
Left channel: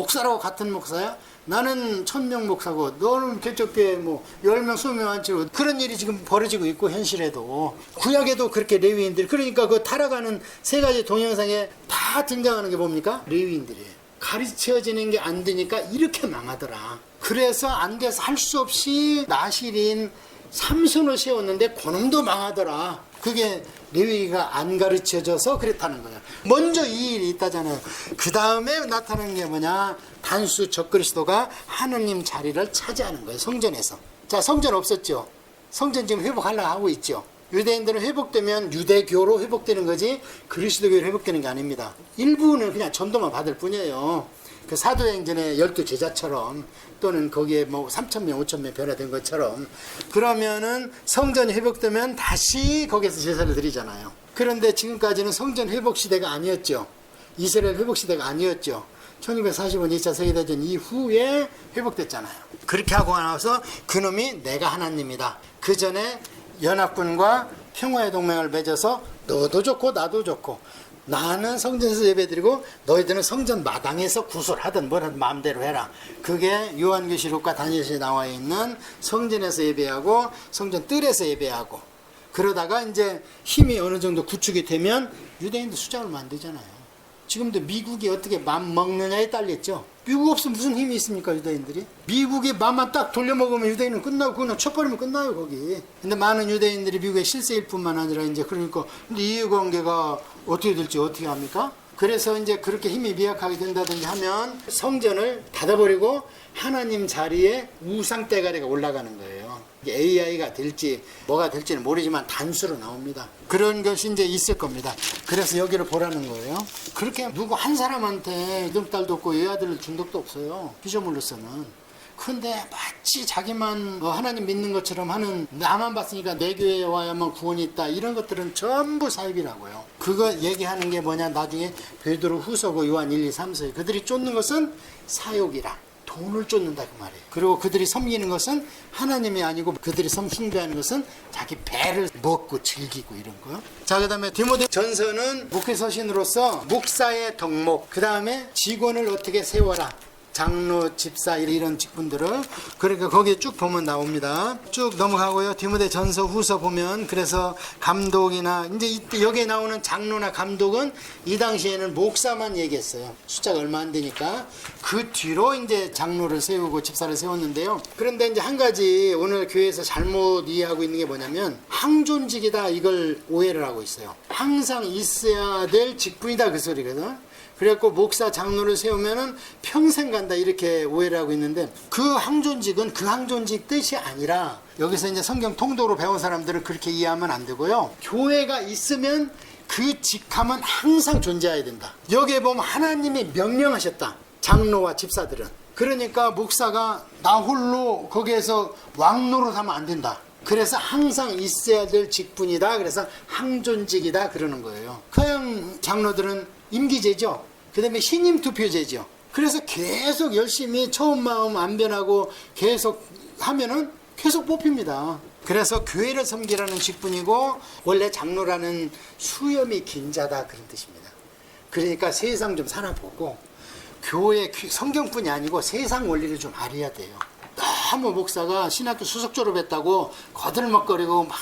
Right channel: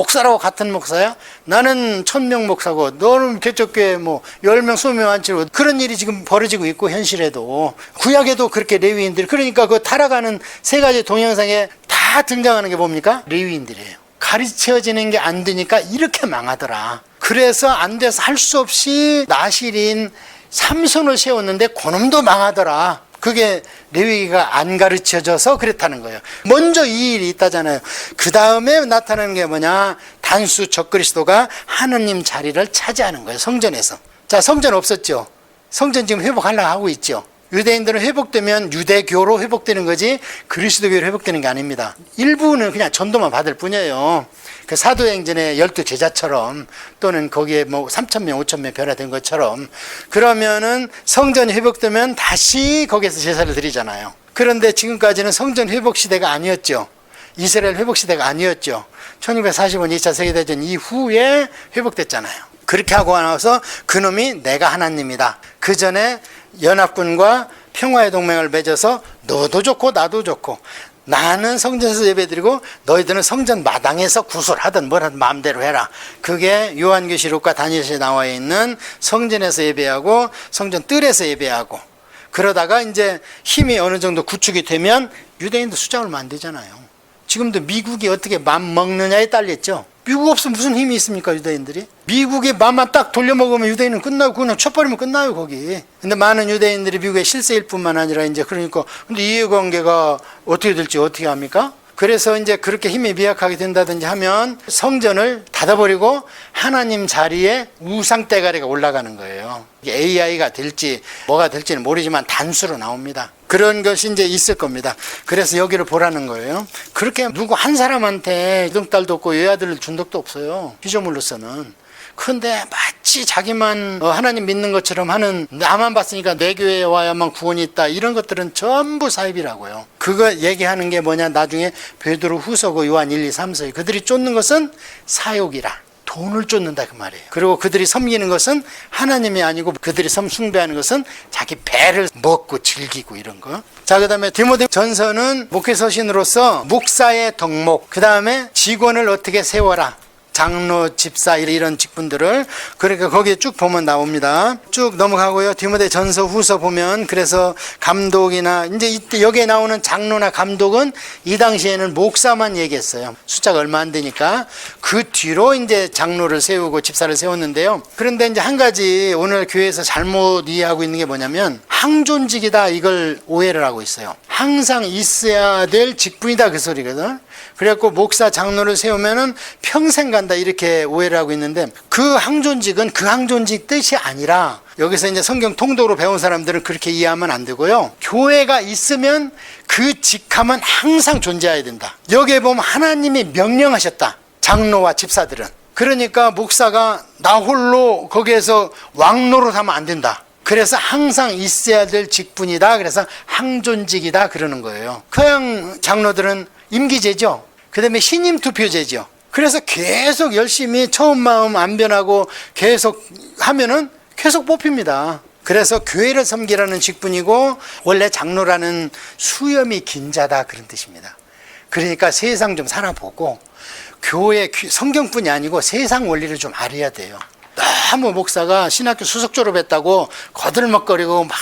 목사라고 같은 목사야? 나는 1000명 목사고 너는 개척 교회 뭐 10명 20명 앉히고 그런 일이 지금 벌어지고 있고 현실에도 구약에도 그렇게 레위인들이 그러니까 그 타락하는 세 가지 동영상에 다 등장하는 게 뭡니까? 레위인들이에요. 가르쳐지는 게 안 되니까 이렇게 망하더라. 그래서 안 돼서 할 수 없이 나실인 삼손을 세웠는데 그놈도 망하더라. 그게 레위기가 안 가르쳐져서 그랬다는 거예요. 먼저 이 일이 있다잖아요. 그 다음에 나타나는 게 뭐냐? 단수 적그리스도가 하느님 자리를 차지하는 거예요. 성전에서. 자, 성전 없었죠. 성전 지금 회복하려고 하고 있죠. 유대인들은 회복되면 유대교로 회복되는 거지 그리스도교로 회복되는 게 아닙니다. 일부는 그냥 전도만 받을 뿐이에요. 그 사도행전의 12제자처럼 또는 거기에 뭐 3,000명, 5,000명 변화된 것처럼 그러면은 성전이 회복되면 다시 거기에서 제사를 드리잖아요. 그런데 지금까지는 성전 회복 시대가 아니었죠. 이스라엘 회복 시대가 아니었죠. 1945년 2차 세계대전 이후에 회복됐잖아요. 그렇게 하고 나서 그놈이 내가 하나님이다. 그 전에 연합군과 평화의 동맹을 맺어서 너도 좋고 나도 좋고 나는 성전에서 예배드리고 너희들은 성전 마당에서 구슬하든 뭘 하든 마음대로 해라. 그게 요한계시록과 다니엘서에 나와 있는 성전에서 예배하고 성전 뜰에서 예배하고 그러다가 이제 힘이 어느 정도 구축이 되면 유대인도 숫자 얼마 안 되잖아요. 지금도 미국이 어떻게 맘 먹느냐에 딸렸죠. 미국 없으면 무슨 힘이 있습니까, 유대인들이? 미국의 맘만 딱 돌려먹으면 유대인은 끝나고 그냥 쳐버리면 끝나요, 거기. 근데 많은 유대인들이 미국의 실세일 뿐만 아니라 이제 그러니까 근데 이해관계가 어떻게 될지 어떻게 합니까? 그래서 이제 그렇게 힘이 미약하게 된다든지 하면 성전을 닫아버리고 하나님 자리에 우상 대가리가 올라가는 거예요. AI가 될지 뭐가 될지는 모르지만 단수로 나옵니다. 그런 것이 이제 있을 겁니다. 그래서 여기를 보라는 거예요. 그렇게 누구 한 사람한테 이등딸도 없고 여아들을 준 적도 없어요. 피조물로서는. 그런데 마치 자기만 하나님 믿는 것처럼 하는 나만 봤으니까 내 교회에 와야만 구원이 있다 이런 것들은 전부 사입이라고요. 그거 얘기하는 게 뭐냐 나중에 베드로 후서고 요한 1, 2, 3서 그들이 쫓는 것은 사욕이라 돈을 쫓는다 그 말이에요. 그리고 그들이 섬기는 것은 하나님이 아니고 그들이 숭배하는 것은 자기 배를 먹고 즐기고 이런 거. 자, 그 다음에 디모데 전서는 목회서신으로서 목사의 덕목, 그 다음에 직원을 어떻게 세워라. 장로, 집사 이런 직분들을 그러니까 거기에 쭉 보면 나옵니다. 쭉 넘어가고요. 디모데 전서 후서 보면 그래서 감독이나 이제 이때 여기에 나오는 장로나 감독은 이 당시에는 목사만 얘기했어요. 숫자가 얼마 안 되니까 그 뒤로 이제 장로를 세우고 집사를 세웠는데요. 그런데 이제 한 가지 오늘 교회에서 잘못 이해하고 있는 게 뭐냐면 항존직이다 이걸 오해를 하고 있어요. 항상 있어야 될 직분이다 그 소리거든. 그래갖고 목사 장로를 세우면은 평생 간다 이렇게 오해를 하고 있는데 그 항존직은 그 항존직 뜻이 아니라 여기서 이제 성경 통독으로 배운 사람들은 그렇게 이해하면 안 되고요. 교회가 있으면 그 직함은 항상 존재해야 된다. 여기에 보면 하나님이 명령하셨다. 장로와 집사들은. 그러니까 목사가 나 홀로 거기에서 왕노릇하면 안 된다. 그래서 항상 있어야 될 직분이다. 그래서 항존직이다 그러는 거예요. 그냥 장로들은 임기제죠. 그 다음에 신임 투표제죠. 그래서 계속 열심히 처음 마음 안 변하고 계속 하면은 계속 뽑힙니다. 그래서 교회를 섬기라는 직분이고 원래 장로라는 수염이 긴 자다 그런 뜻입니다. 그러니까 세상 좀 살아보고 교회 성경뿐이 아니고 세상 원리를 좀 알아야 돼요. 너무 목사가 신학교 수석 졸업했다고 거들먹거리고 막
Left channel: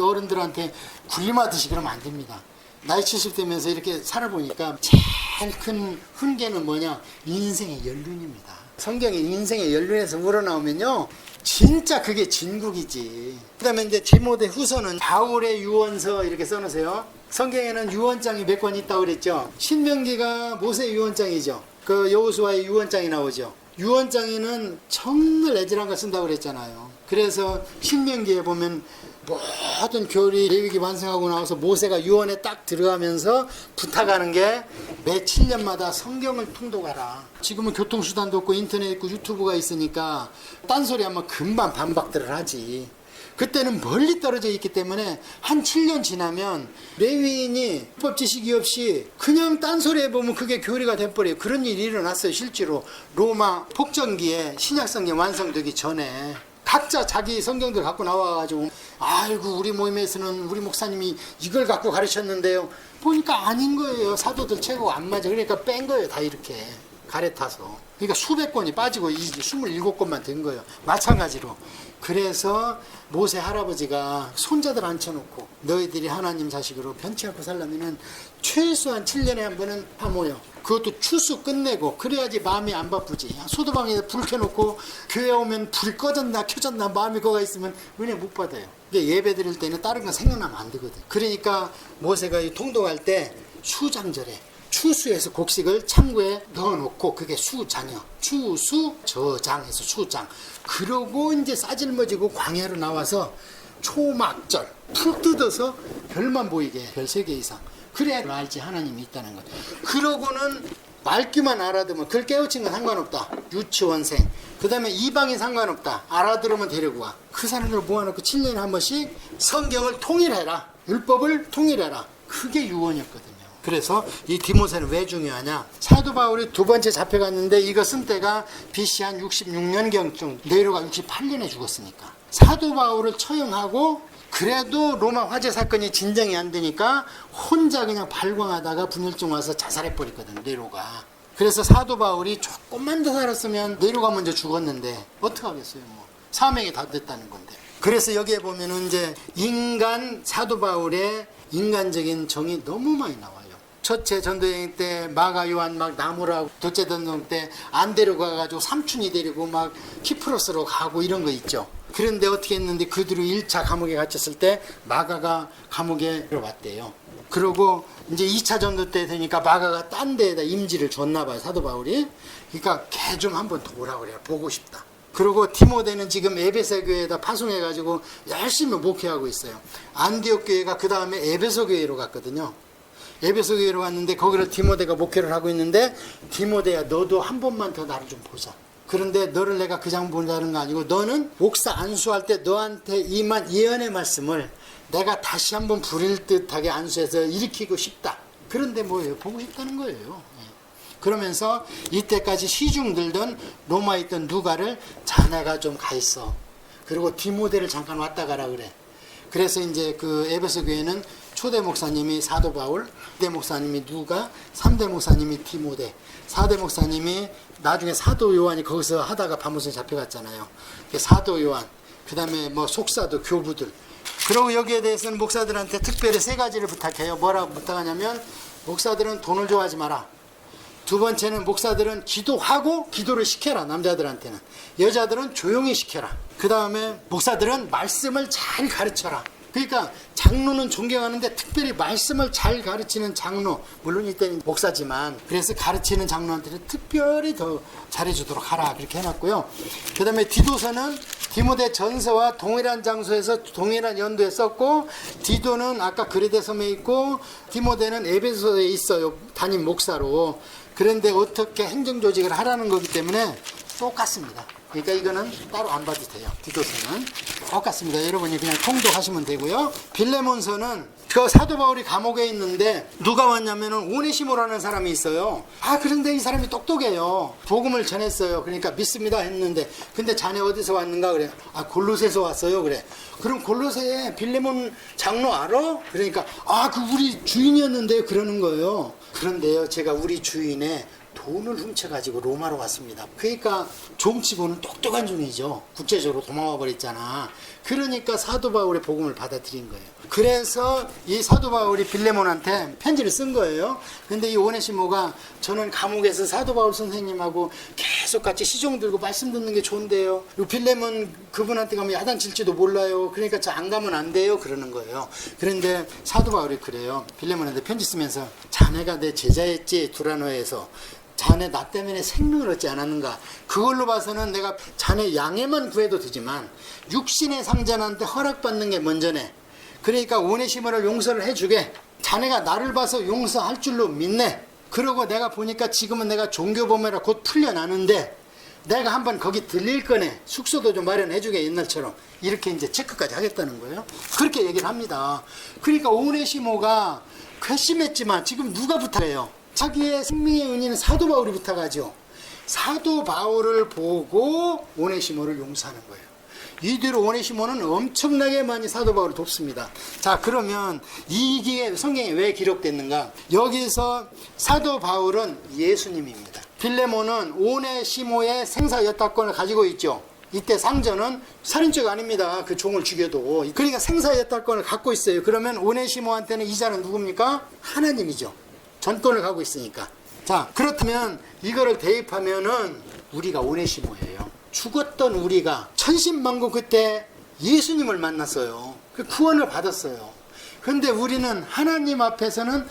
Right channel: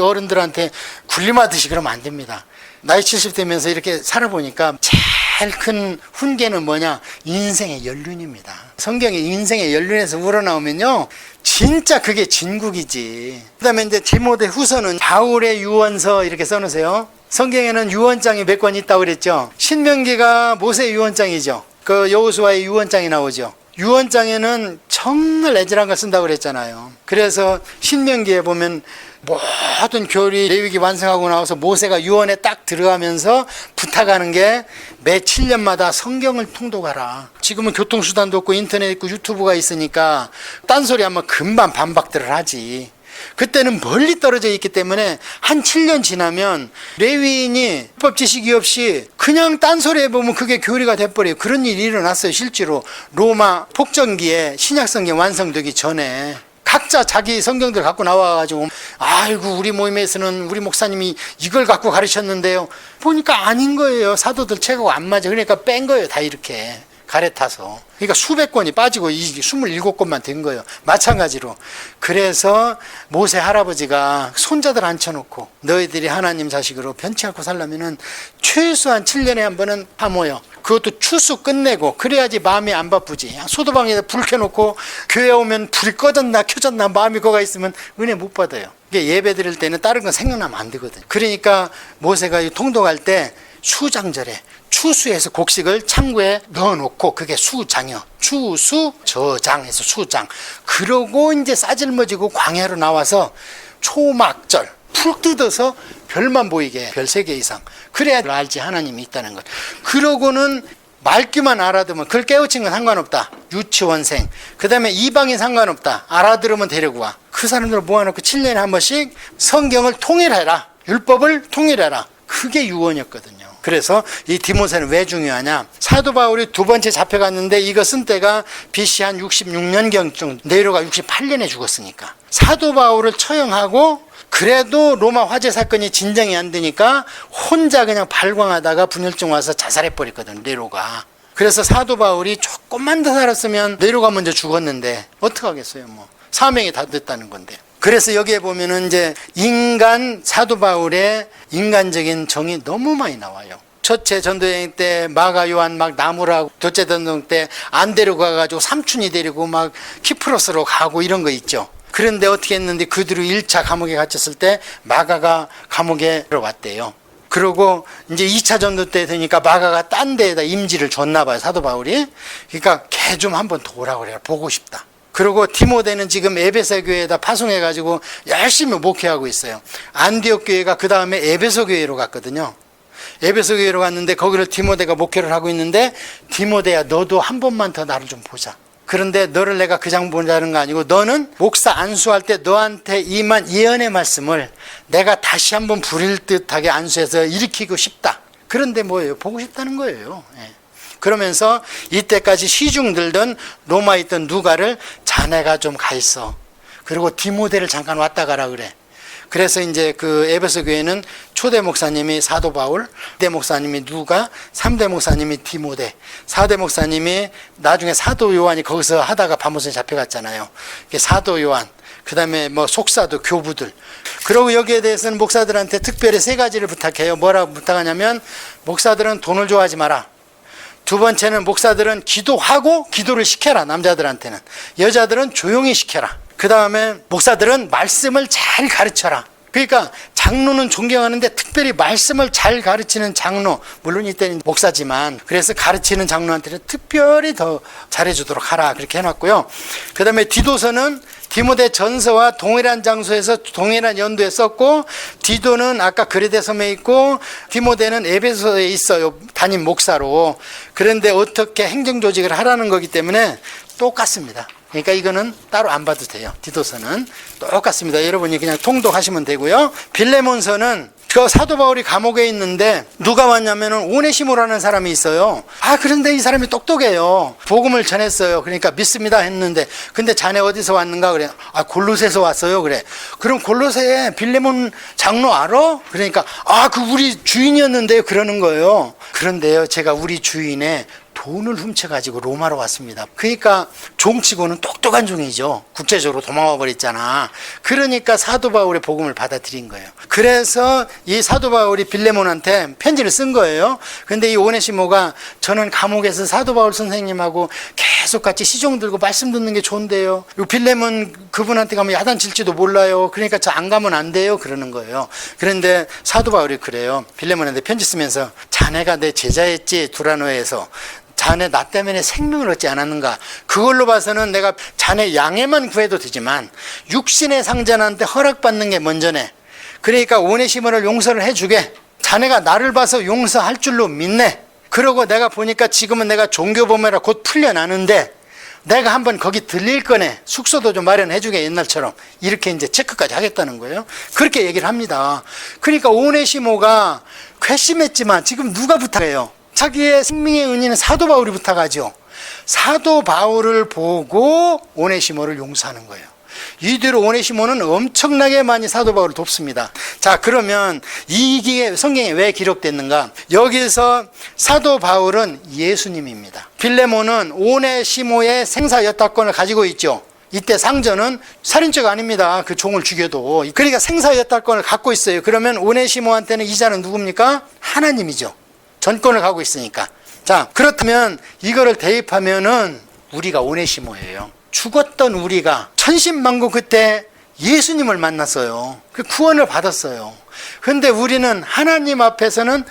어른들한테 군림하듯이 그러면 안 됩니다. 나이 70 되면서 이렇게 살아보니까 제일 큰 훈계는 뭐냐? 인생의 연륜입니다. 성경에 인생의 연륜에서 우러나오면요 진짜 그게 진국이지. 그 다음에 이제 디모데 후서는 바울의 유언서 이렇게 써놓으세요. 성경에는 유언장이 몇 권 있다고 그랬죠. 신명기가 모세 유언장이죠. 그 여호수아의 유언장이 나오죠. 유언장에는 정말 애절한 걸 쓴다고 그랬잖아요. 그래서 신명기에 보면 모든 교리 레위기 완성하고 나와서 모세가 유언에 딱 들어가면서 부탁하는 게 매 7년마다 성경을 통독하라. 지금은 교통수단도 없고 인터넷 있고 유튜브가 있으니까 딴소리 하면 금방 반박들을 하지. 그때는 멀리 떨어져 있기 때문에 한 7년 지나면 레위인이 율법 지식이 없이 그냥 딴소리 해보면 그게 교리가 돼버려요. 그런 일이 일어났어요. 실제로 로마 폭정기에 신약성경 완성되기 전에 각자 자기 성경들 갖고 나와가지고 아이고 우리 모임에서는 우리 목사님이 이걸 갖고 가르쳤는데요. 보니까 아닌 거예요. 사도들 책하고 안 맞아. 그러니까 뺀 거예요. 다 이렇게. 갈아타서. 그러니까 수백 권이 빠지고 이 27권만 된 거예요. 마찬가지로. 그래서 모세 할아버지가 손자들 앉혀놓고 너희들이 하나님 자식으로 변치 않고 살려면은 최소한 7년에 한 번은 다 모여. 그것도 추수 끝내고 그래야지 마음이 안 바쁘지. 소도방에다 불 켜놓고 교회 오면 불이 꺼졌나 켜졌나 마음이 거가 있으면 은혜 못 받아요. 이게 예배 드릴 때는 다른 건 생각나면 안 되거든. 그러니까 모세가 통독할 때 수장절에 추수해서 곡식을 창고에 넣어놓고 그게 수장이요. 추수 저장해서 수장. 그러고 이제 싸질머지고 광야로 나와서 초막절 풀 뜯어서 별만 보이게 별 3개 이상. 그래야 알지 하나님이 있다는 것. 그러고는 말귀만 알아두면 그걸 깨우친 건 상관없다. 유치원생. 그 다음에 이방인 상관없다. 알아들으면 데리고 와. 그 사람들을 모아놓고 7년에 한 번씩 성경을 통일해라. 율법을 통일해라. 그게 유언이었거든요. 그래서 이 디모데는 왜 중요하냐. 사도 바울이 2번째 잡혀갔는데 이거 쓴 때가 BC 한 66년경쯤, 네로가 68년에 죽었으니까. 사도 바울을 처형하고 그래도 로마 화재 사건이 진정이 안 되니까 혼자 그냥 발광하다가 분열증 와서 자살해버렸거든, 네로가. 그래서 사도 바울이 조금만 더 살았으면 네로가 먼저 죽었는데 어떡하겠어요, 뭐. 사명이 다 됐다는 건데. 그래서 여기에 보면은 이제 인간 사도 바울의 인간적인 정이 너무 많이 나와요. 첫째 전도여행 때 마가 요한 막 나무라고, 둘째 전도여행 때 안 데리고 가가지고 삼촌이 데리고 막 키프로스로 가고 이런 거 있죠. 그런데 어떻게 했는데 그 뒤로 1차 감옥에 갇혔을 때 마가가 감옥에 들어왔대요. 그리고 이제 2차 전도 때 되니까 마가가 딴 데에다 임지를 줬나 봐요, 사도 바울이. 그러니까 걔 좀 한번 오라고 그래요. 보고 싶다. 그리고 디모데는 지금 에베소 교회에다 파송해가지고 열심히 목회하고 있어요. 안디옥 교회가 그 다음에 에베소 교회로 갔거든요. 에베소 교회로 갔는데 거기를 디모데가 목회를 하고 있는데, 디모데야 너도 한 번만 더 나를 좀 보자. 그런데 너를 내가 그냥 보자는 거 아니고 너는 목사 안수할 때 너한테 임한 예언의 말씀을 내가 다시 한번 부릴 듯하게 안수해서 일으키고 싶다. 그런데 뭐예요? 보고 싶다는 거예요. 그러면서 이때까지 시중 들던 로마에 있던 누가를 자네가 좀 가 있어. 그리고 디모데를 잠깐 왔다 가라 그래. 그래서 이제 그 에베소 교회는 초대 목사님이 사도 바울, 2대 목사님이 누가, 3대 목사님이 디모데, 4대 목사님이 나중에 사도 요한이 거기서 하다가 바모스에 잡혀갔잖아요. 사도 요한, 그 다음에 뭐 속사도, 교부들. 그리고 여기에 대해서는 목사들한테 특별히 3가지를 부탁해요. 뭐라고 부탁하냐면, 목사들은 돈을 좋아하지 마라. 2번째는 목사들은 기도하고 기도를 시켜라. 남자들한테는. 여자들은 조용히 시켜라. 그 다음에 목사들은 말씀을 잘 가르쳐라. 그러니까 장로는 존경하는데 특별히 말씀을 잘 가르치는 장로, 물론 이때는 목사지만, 그래서 가르치는 장로한테는 특별히 더 잘해주도록 하라. 그렇게 해놨고요. 그 다음에 디도서는 디모데 전서와 동일한 장소에서 동일한 연도에 썼고, 디도는 아까 그레데 섬에 있고 디모데는 에베소에 있어요. 담임 목사로. 그런데 어떻게 행정조직을 하라는 거기 때문에 똑같습니다. 그러니까 이거는 따로 안 봐도 돼요. 디도서는 똑같습니다. 여러분이 그냥 통독하시면 되고요. 빌레몬서는 그 사도 바울이 감옥에 있는데 누가 왔냐면은 오네시모라는 사람이 있어요. 그런데 이 사람이 똑똑해요. 복음을 전했어요. 그러니까 믿습니다 했는데, 근데 자네 어디서 왔는가 그래. 골로새에서 왔어요 그래. 그럼 골로새에 빌레몬 장로 알아? 그러니까 그 우리 주인이었는데요 그러는 거예요. 그런데요 제가 우리 주인의 돈을 훔쳐가지고 로마로 왔습니다. 그러니까 종치고는 똑똑한 종이죠. 국제적으로 도망와 버렸잖아. 그러니까 사도 바울의 복음을 받아들인 거예요. 그래서 이 사도 바울이 빌레몬한테 편지를 쓴 거예요. 근데 이 오네시모가 저는 감옥에서 사도 바울 선생님하고 계속 같이 시종 들고 말씀 듣는 게 좋은데요. 빌레몬 그분한테 가면 야단칠지도 몰라요. 그러니까 저 안 가면 안 돼요. 그러는 거예요. 그런데 사도 바울이 그래요. 빌레몬한테 편지 쓰면서 자네가 내 제자였지 두라노에서. 자네 나 때문에 생명을 얻지 않았는가. 그걸로 봐서는 내가 자네 양해만 구해도 되지만 육신의 상전한테 허락받는 게 먼저네. 그러니까 오네시모를 용서를 해주게. 자네가 나를 봐서 용서할 줄로 믿네. 그러고 내가 보니까 지금은 내가 종교범이라 곧 풀려나는데 내가 한번 거기 들릴 거네. 숙소도 좀 마련해주게 옛날처럼. 이렇게 이제 체크까지 하겠다는 거예요. 그렇게 얘기를 합니다. 그러니까 오네시모가 괘씸했지만 지금 누가 부탁해요? 자기의 생명의 은인은 사도 바울이 부탁하죠. 사도 바울을 보고 오네시모를 용서하는 거예요. 이대로 오네시모는 엄청나게 많이 사도 바울을 돕습니다. 자, 그러면 이게 성경에 왜 기록됐는가? 여기서 사도 바울은 예수님입니다. 빌레몬은 오네시모의 생사여탈권을 가지고 있죠. 이때 상전은 살인죄가 아닙니다. 그 종을 죽여도. 그러니까 생사여탈권을 갖고 있어요. 그러면 오네시모한테는 이자는 누굽니까? 하나님이죠. 전권을 갖고 있으니까. 자, 그렇다면 이거를 대입하면은 우리가 오네시모예요. 죽었던 우리가 천신만고 그때 예수님을 만났어요. 그 구원을 받았어요. 그런데 우리는 하나님 앞에서는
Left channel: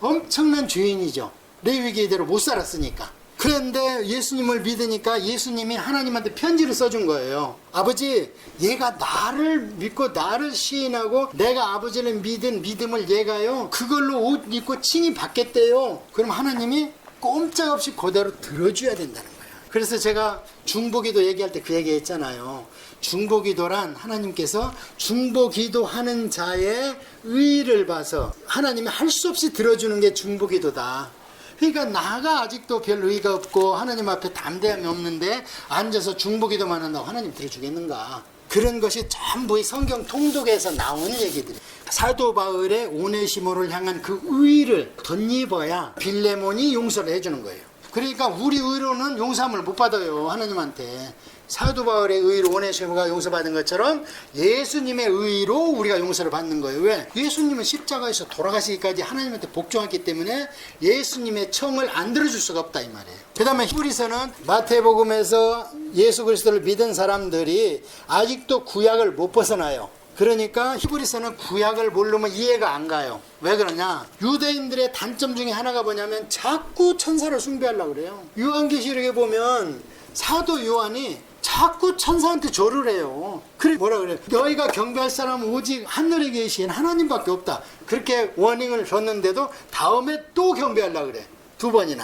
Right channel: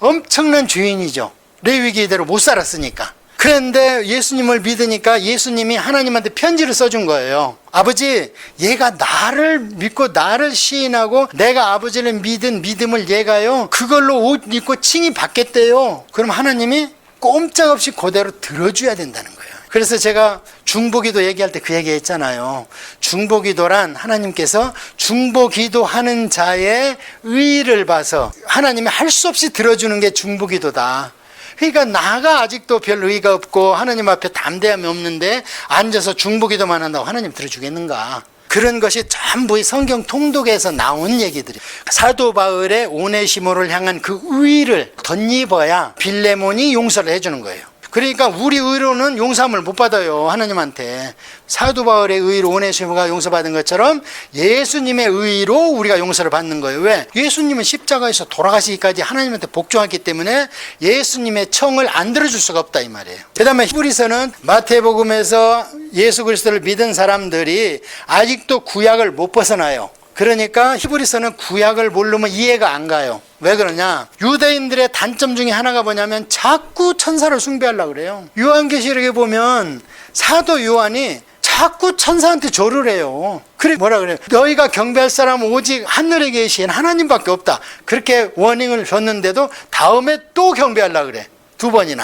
엄청난 죄인이죠. 레위기대로 못 살았으니까. 그런데 예수님을 믿으니까 예수님이 하나님한테 편지를 써준 거예요. 아버지, 얘가 나를 믿고 나를 시인하고 내가 아버지를 믿은 믿음을 얘가요 그걸로 옷 입고 칭의 받겠대요. 그럼 하나님이 꼼짝없이 그대로 들어줘야 된다는 거예요. 그래서 제가 중보기도 얘기할 때 그 얘기 했잖아요. 중보기도란 하나님께서 중보기도하는 자의 의의를 봐서 하나님이 할 수 없이 들어주는 게 중보기도다. 그러니까 나가 아직도 별 의의가 없고 하나님 앞에 담대함이 없는데 앉아서 중보기도만 한다고 하나님 들어주겠는가? 그런 것이 전부 이 성경 통독에서 나온 얘기들이. 사도 바울의 오네시모를 향한 그 의의를 덧입어야 빌레몬이 용서를 해주는 거예요. 그러니까 우리 의로는 용서함을 못 받아요, 하나님한테. 사도 바울의 의로 오네시모가 용서받은 것처럼 예수님의 의로 우리가 용서를 받는 거예요. 왜? 예수님은 십자가에서 돌아가시기까지 하나님한테 복종했기 때문에 예수님의 청을 안 들어줄 수가 없다 이 말이에요. 그 다음에 히브리서는 마태복음에서 예수 그리스도를 믿은 사람들이 아직도 구약을 못 벗어나요. 그러니까 히브리서는 구약을 모르면 이해가 안 가요. 왜 그러냐? 유대인들의 단점 중에 하나가 뭐냐면 자꾸 천사를 숭배하려고 그래요. 요한계시록에 보면 사도 요한이 자꾸 천사한테 절을 해요. 그래 뭐라 그래요? 너희가 경배할 사람은 오직 하늘에 계신 하나님밖에 없다. 그렇게 워닝을 줬는데도 다음에 또 경배하려고 그래. 2번이나.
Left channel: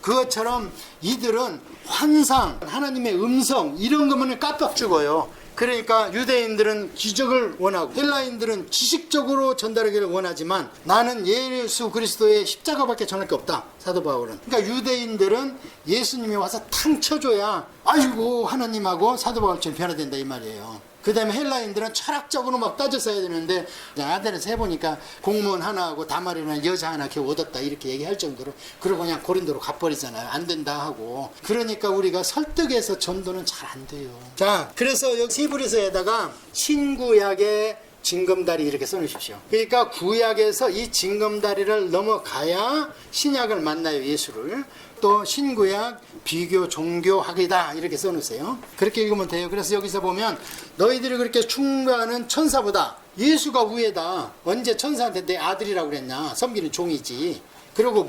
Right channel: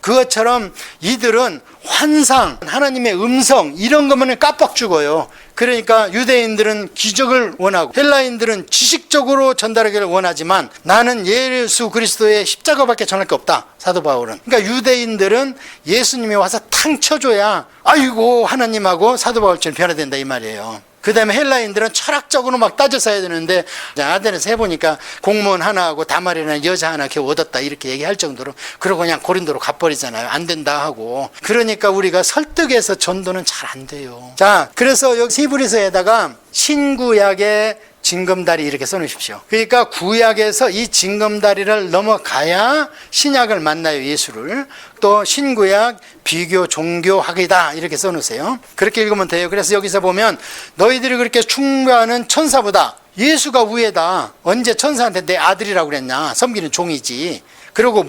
그것처럼 이들은 환상, 하나님의 음성 이런 것만 깜빡 죽어요. 그러니까 유대인들은 기적을 원하고 헬라인들은 지식적으로 전달하기를 원하지만 나는 예수 그리스도의 십자가밖에 전할 게 없다, 사도 바울은. 그러니까 유대인들은 예수님이 와서 탕 쳐줘야 아이고 하나님하고 사도 바울처럼 변화된다 이 말이에요. 그 다음에 헬라인들은 철학적으로 막 따져서 해야 되는데 아덴에서 해보니까 공무원 하나하고 다말이라는 여자 하나 겨우 얻었다 이렇게 얘기할 정도로, 그러고 그냥 고린도로 가버리잖아요. 안 된다 하고. 그러니까 우리가 설득해서 전도는 잘 안 돼요. 자, 그래서 여기 히브리서에다가 신구약의 징검다리 이렇게 써놓으십시오. 그러니까 구약에서 이 징검다리를 넘어가야 신약을 만나요, 예수를. 또 신구약 비교 종교학이다 이렇게 써놓으세요. 그렇게 읽으면 돼요. 그래서 여기서 보면 너희들이 그렇게 충고하는 천사보다 예수가 우애다. 언제 천사한테 내 아들이라고 그랬냐? 섬기는 종이지. 그리고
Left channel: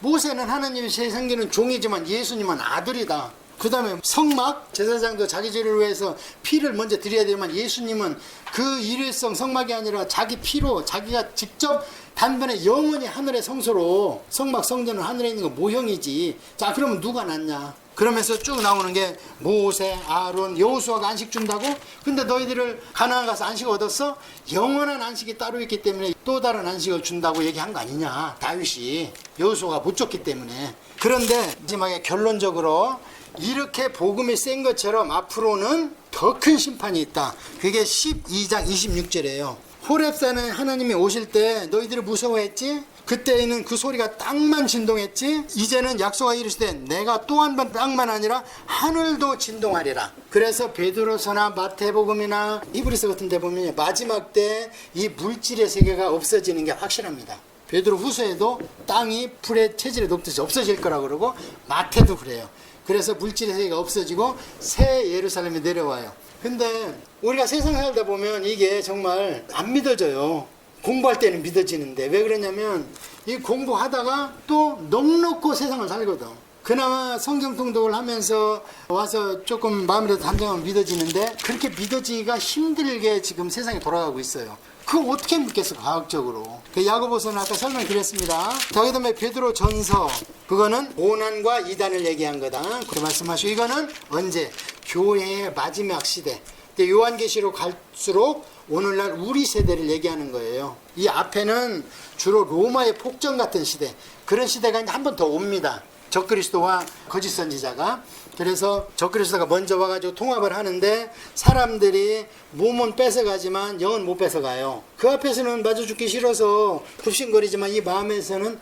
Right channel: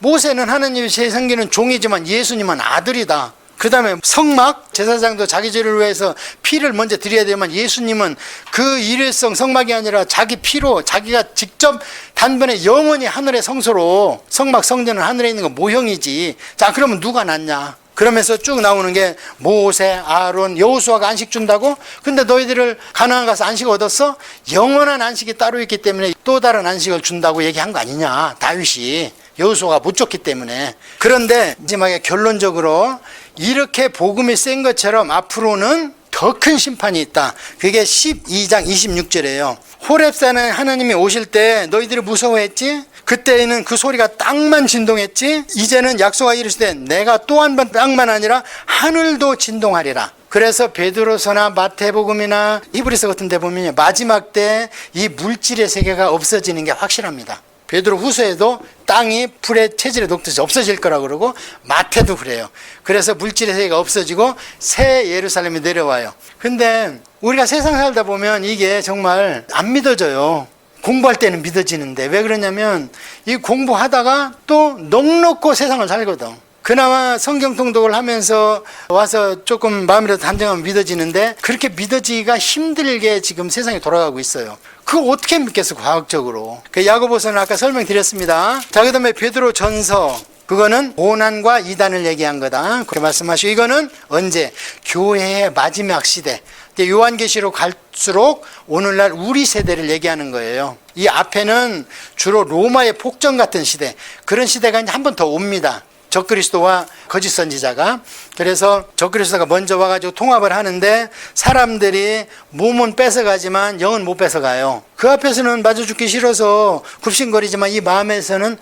모세는 하나님이 섬기는 종이지만 예수님은 아들이다. 그 다음에 성막, 제사장도 자기 죄를 위해서 피를 먼저 드려야 되지만 예수님은 그 일회성 성막이 아니라 자기 피로 자기가 직접 단번에 영원히 하늘의 성소로, 성막 성전은 하늘에 있는 건 모형이지. 자, 그러면 누가 낫냐? 그러면서 쭉 나오는 게 모세, 아론, 여호수아가 안식 준다고? 근데 너희들을 가나안 가서 안식 얻었어? 영원한 안식이 따로 있기 때문에 또 다른 안식을 준다고 얘기한 거 아니냐, 다윗이. 여호수아가 못 줬기 때문에. 그런데 마지막에 결론적으로 이렇게 복음이 센 것처럼 앞으로는 더 큰 심판이 있다. 그게 12장 26절이에요. 호렙산에 하나님이 오실 때 너희들이 무서워했지? 그때는 그 소리가 땅만 진동했지? 이제는 약속하여 이르시되 내가 또 한 번 땅만 아니라 하늘도 진동하리라. 그래서 베드로서나 마태복음이나 히브리서 같은 데 보면 마지막 때 이 물질의 세계가 없어지는 게 확실합니다. 베드로 후서에도 땅이 불의 체질에 녹듯이 없어질 거라고 그러고 마태도 그래요. 그래서 물질의 세계가 없어지고 새 예루살렘이 내려와요. 근데 우리가 세상 살다 보면 이게 정말 안 믿어져요. 공부할 때는 믿어지는데 왜 그러냐면 이 공부하다가 또 넉넉고 세상을 살거든. 그나마 성경 통독을 하면서 와서 조금 마음이라도 단정하면 믿어지는데 그렇게 믿어지기가 힘들게 지금 세상이 돌아가고 있어요. 그거 어떻게 믿겠어, 과학적으로. 그 야고보서는 아까 설명드렸습니다. 자, 그 다음에 베드로 전서, 그거는 오난과 이단을 얘기한 거다. 그렇게 말씀하시고, 이거는 언제? 교회의 마지막 시대. 요한계시록 갈수록 오늘날 우리 세대를 얘기하는 거예요. 이 앞에는 주로 로마의 폭정 같은 시대, 그런 시대가 이제 한 번 더 옵니다. 적그리스도와 거짓 선지자가. 그래서 적그리스도가 먼저 와가지고 통합을 하는데 사람들이 몸은 뺏어가지만 영은 못 뺏어가요. 그 앞에서는 맞아 죽기 싫어서 굽신거리지만 이 마음에서는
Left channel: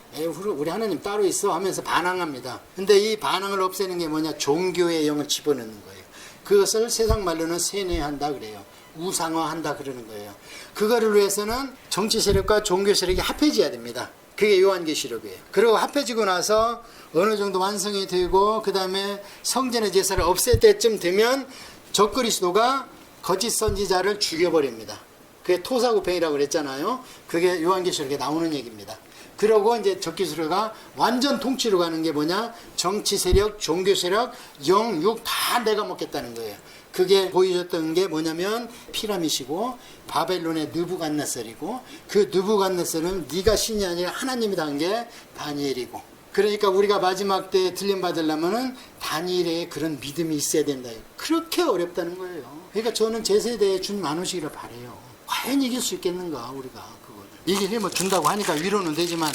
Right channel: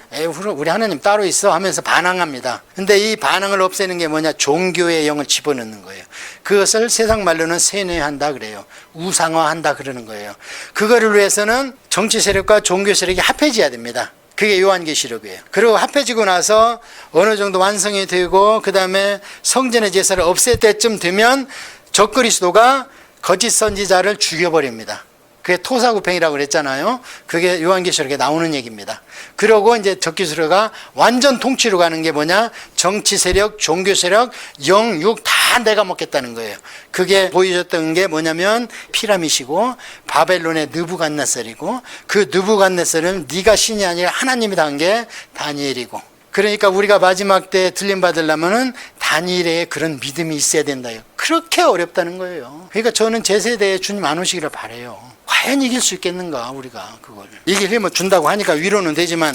우리 하나님 따로 있어 하면서 반항합니다. 근데 이 반항을 없애는 게 뭐냐? 종교의 영을 집어넣는 거예요. 그것을 세상 말로는 세뇌한다 그래요. 우상화한다 그러는 거예요. 그거를 위해서는 정치 세력과 종교 세력이 합해져야 됩니다. 그게 요한계시록이에요. 그리고 합해지고 나서 어느 정도 완성이 되고 그 다음에 성전의 제사를 없앨 때쯤 되면 적그리스도가 거짓 선지자를 죽여버립니다. 그게 토사구팽이라고 그랬잖아요. 그게 요한계시록에 나오는 얘기입니다. 그러고 이제 적그리스도가 완전 통치로 가는 게 뭐냐? 정치 세력, 종교 세력, 영, 육 다 내가 먹겠다는 거예요. 그게 보여줬던 게 뭐냐면 피라밋이고 바벨론의 느부갓네살이고 그 느부갓네살은 네가 신이 아니라 하나님이다 한 게 다니엘이고. 그러니까 우리가 마지막 때 들림 받으려면은 다니엘의 그런 믿음이 있어야 된다. 그렇게 어렵다는 거예요. 그러니까 저는 제 세대에 주님 안 오시기를 바라요. 과연 이길 수 있겠는가 우리가 그걸. 이길 힘을 준다고 하니까 위로는 되지만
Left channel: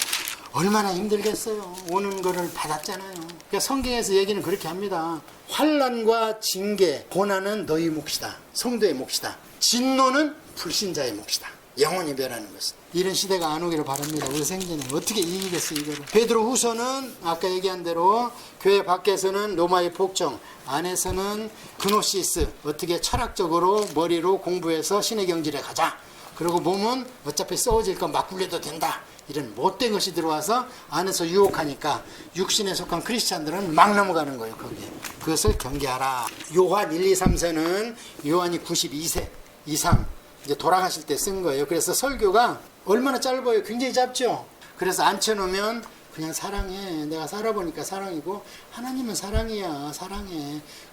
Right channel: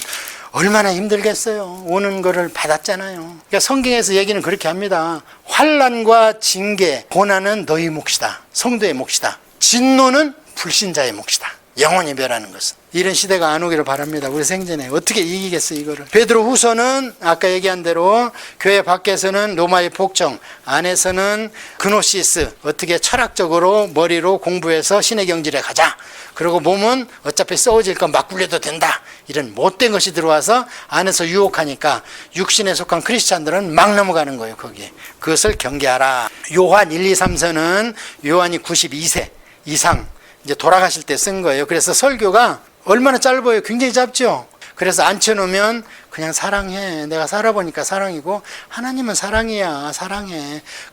얼마나 힘들겠어요. 오는 거를 받았잖아요. 그러니까 성경에서 얘기는 그렇게 합니다. 환난과 징계, 고난은 너희 몫이다. 성도의 몫이다. 진노는 불신자의 몫이다. 영원히 멸하는 것은. 이런 시대가 안 오기를 바랍니다. 우리 생전에. 어떻게 이기겠어 이거를. 베드로 후서는 아까 얘기한 대로 교회 밖에서는 로마의 복종, 안에서는 그노시스, 어떻게 철학적으로 머리로 공부해서 신의 경질에 가자. 그리고 몸은 어차피 썩어질 건 막 굴려도 된다. 이런 못된 것이 들어와서 안에서 유혹하니까 육신에 속한 크리스찬들은 막 넘어가는 거예요. 거기에. 그것을 경계하라. 요한 1, 2, 3서는 요한이 92세 이상 이제 돌아가실 때 쓴 거예요. 그래서 설교가 얼마나 짧아요. 굉장히 짧죠. 그래서 앉혀놓으면 그냥 사랑해. 내가 살아보니까 사랑이고 하나님은 사랑이야. 사랑해.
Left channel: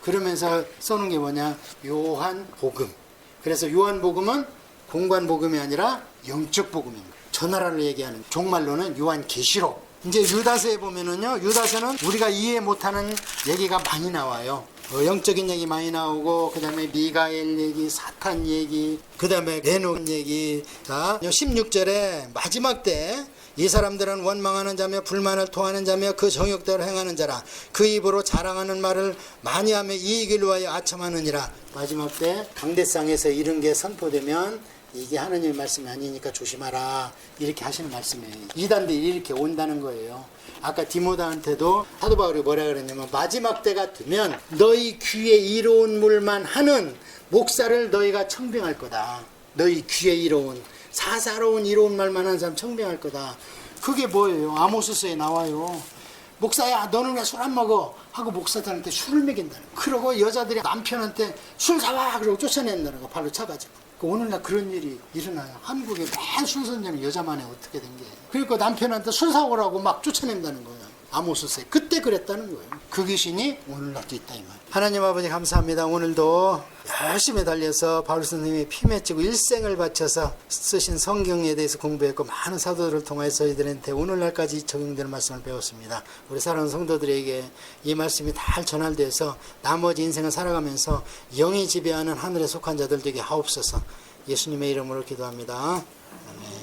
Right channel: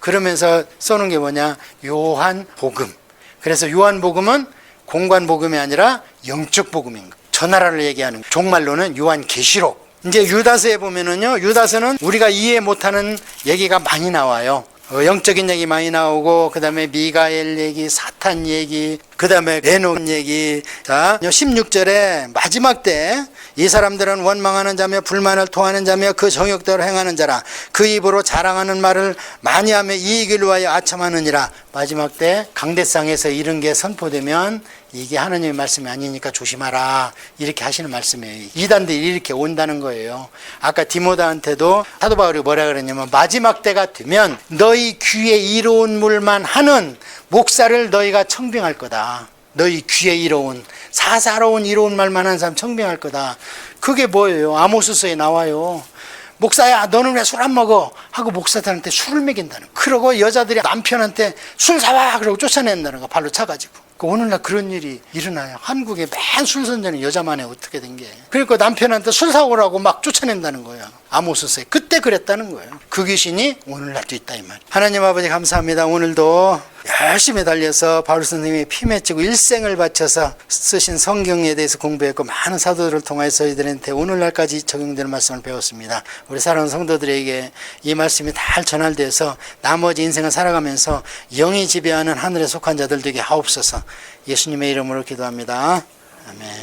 그러면서 써놓은 게 뭐냐? 요한복음. 그래서 요한복음은 공관복음이 아니라 영적 복음인 거예요. 저 나라를 얘기하는 거예요. 종말로는 요한계시록. 이제 유다서에 보면은요. 유다서는 우리가 이해 못하는 얘기가 많이 나와요. 영적인 얘기 많이 나오고 그 다음에 미가엘 얘기, 사탄 얘기, 그 다음에 에녹 얘기. 자, 16절에 마지막 때 이 사람들은 원망하는 자며 불만을 토하는 자며 그 정욕대로 행하는 자라. 그 입으로 자랑하는 말을 많이 하며 이익을 위하여 아첨하느니라. 마지막 때 강대상에서 이런 게 선포되면 이게 하나님의 말씀이 아니니까 조심하라. 이렇게 하시는 말씀이에요. 이단들이 이렇게 온다는 거예요. 아까 디모데한테도 사도 바울이 뭐라 그랬냐면 마지막 때가 되면 너희 귀에 이로운 물만 하는 목사를 너희가 청빙할 거다. 너희 귀에 이로운 사사로운 이로운 말만 하는 사람 청빙할 거다. 그게 뭐예요? 아모스서에 나와요. 목사야 너는 왜 술 안 먹어? 하고 목사들한테 술을 먹인다는 거. 그러고 여자들이 남편한테 술 사와 그러고 쫓아낸다는 거. 발로 차가지고. 오늘날 그런 일이 일어나요. 한국에 맨 술 선전이 여자만 해. 어떻게 된 게. 그러니까 남편한테 술 사오라고 막 쫓아낸다는 거예요. 아모스서에. 그때 그랬다는 거예요. 그 귀신이 오늘날도 있다 이 말. 하나님 아버지 감사합니다. 오늘도 열심히 달려서 바울 선생님이 피 맺히고 일생을 바쳐서 쓰신 성경에 대해서 공부했고 많은 사도들을 통해서 저희들한테 오늘날까지 적용되는 말씀을 배웠습니다. 우리 사랑하는 성도들에게 이 말씀이 잘 전달돼서 나머지 인생을 살아가면서 영이 지배하는 하늘에 속한 자들 되게 하옵소서. 예수님의 이름으로 기도합니다. 아멘.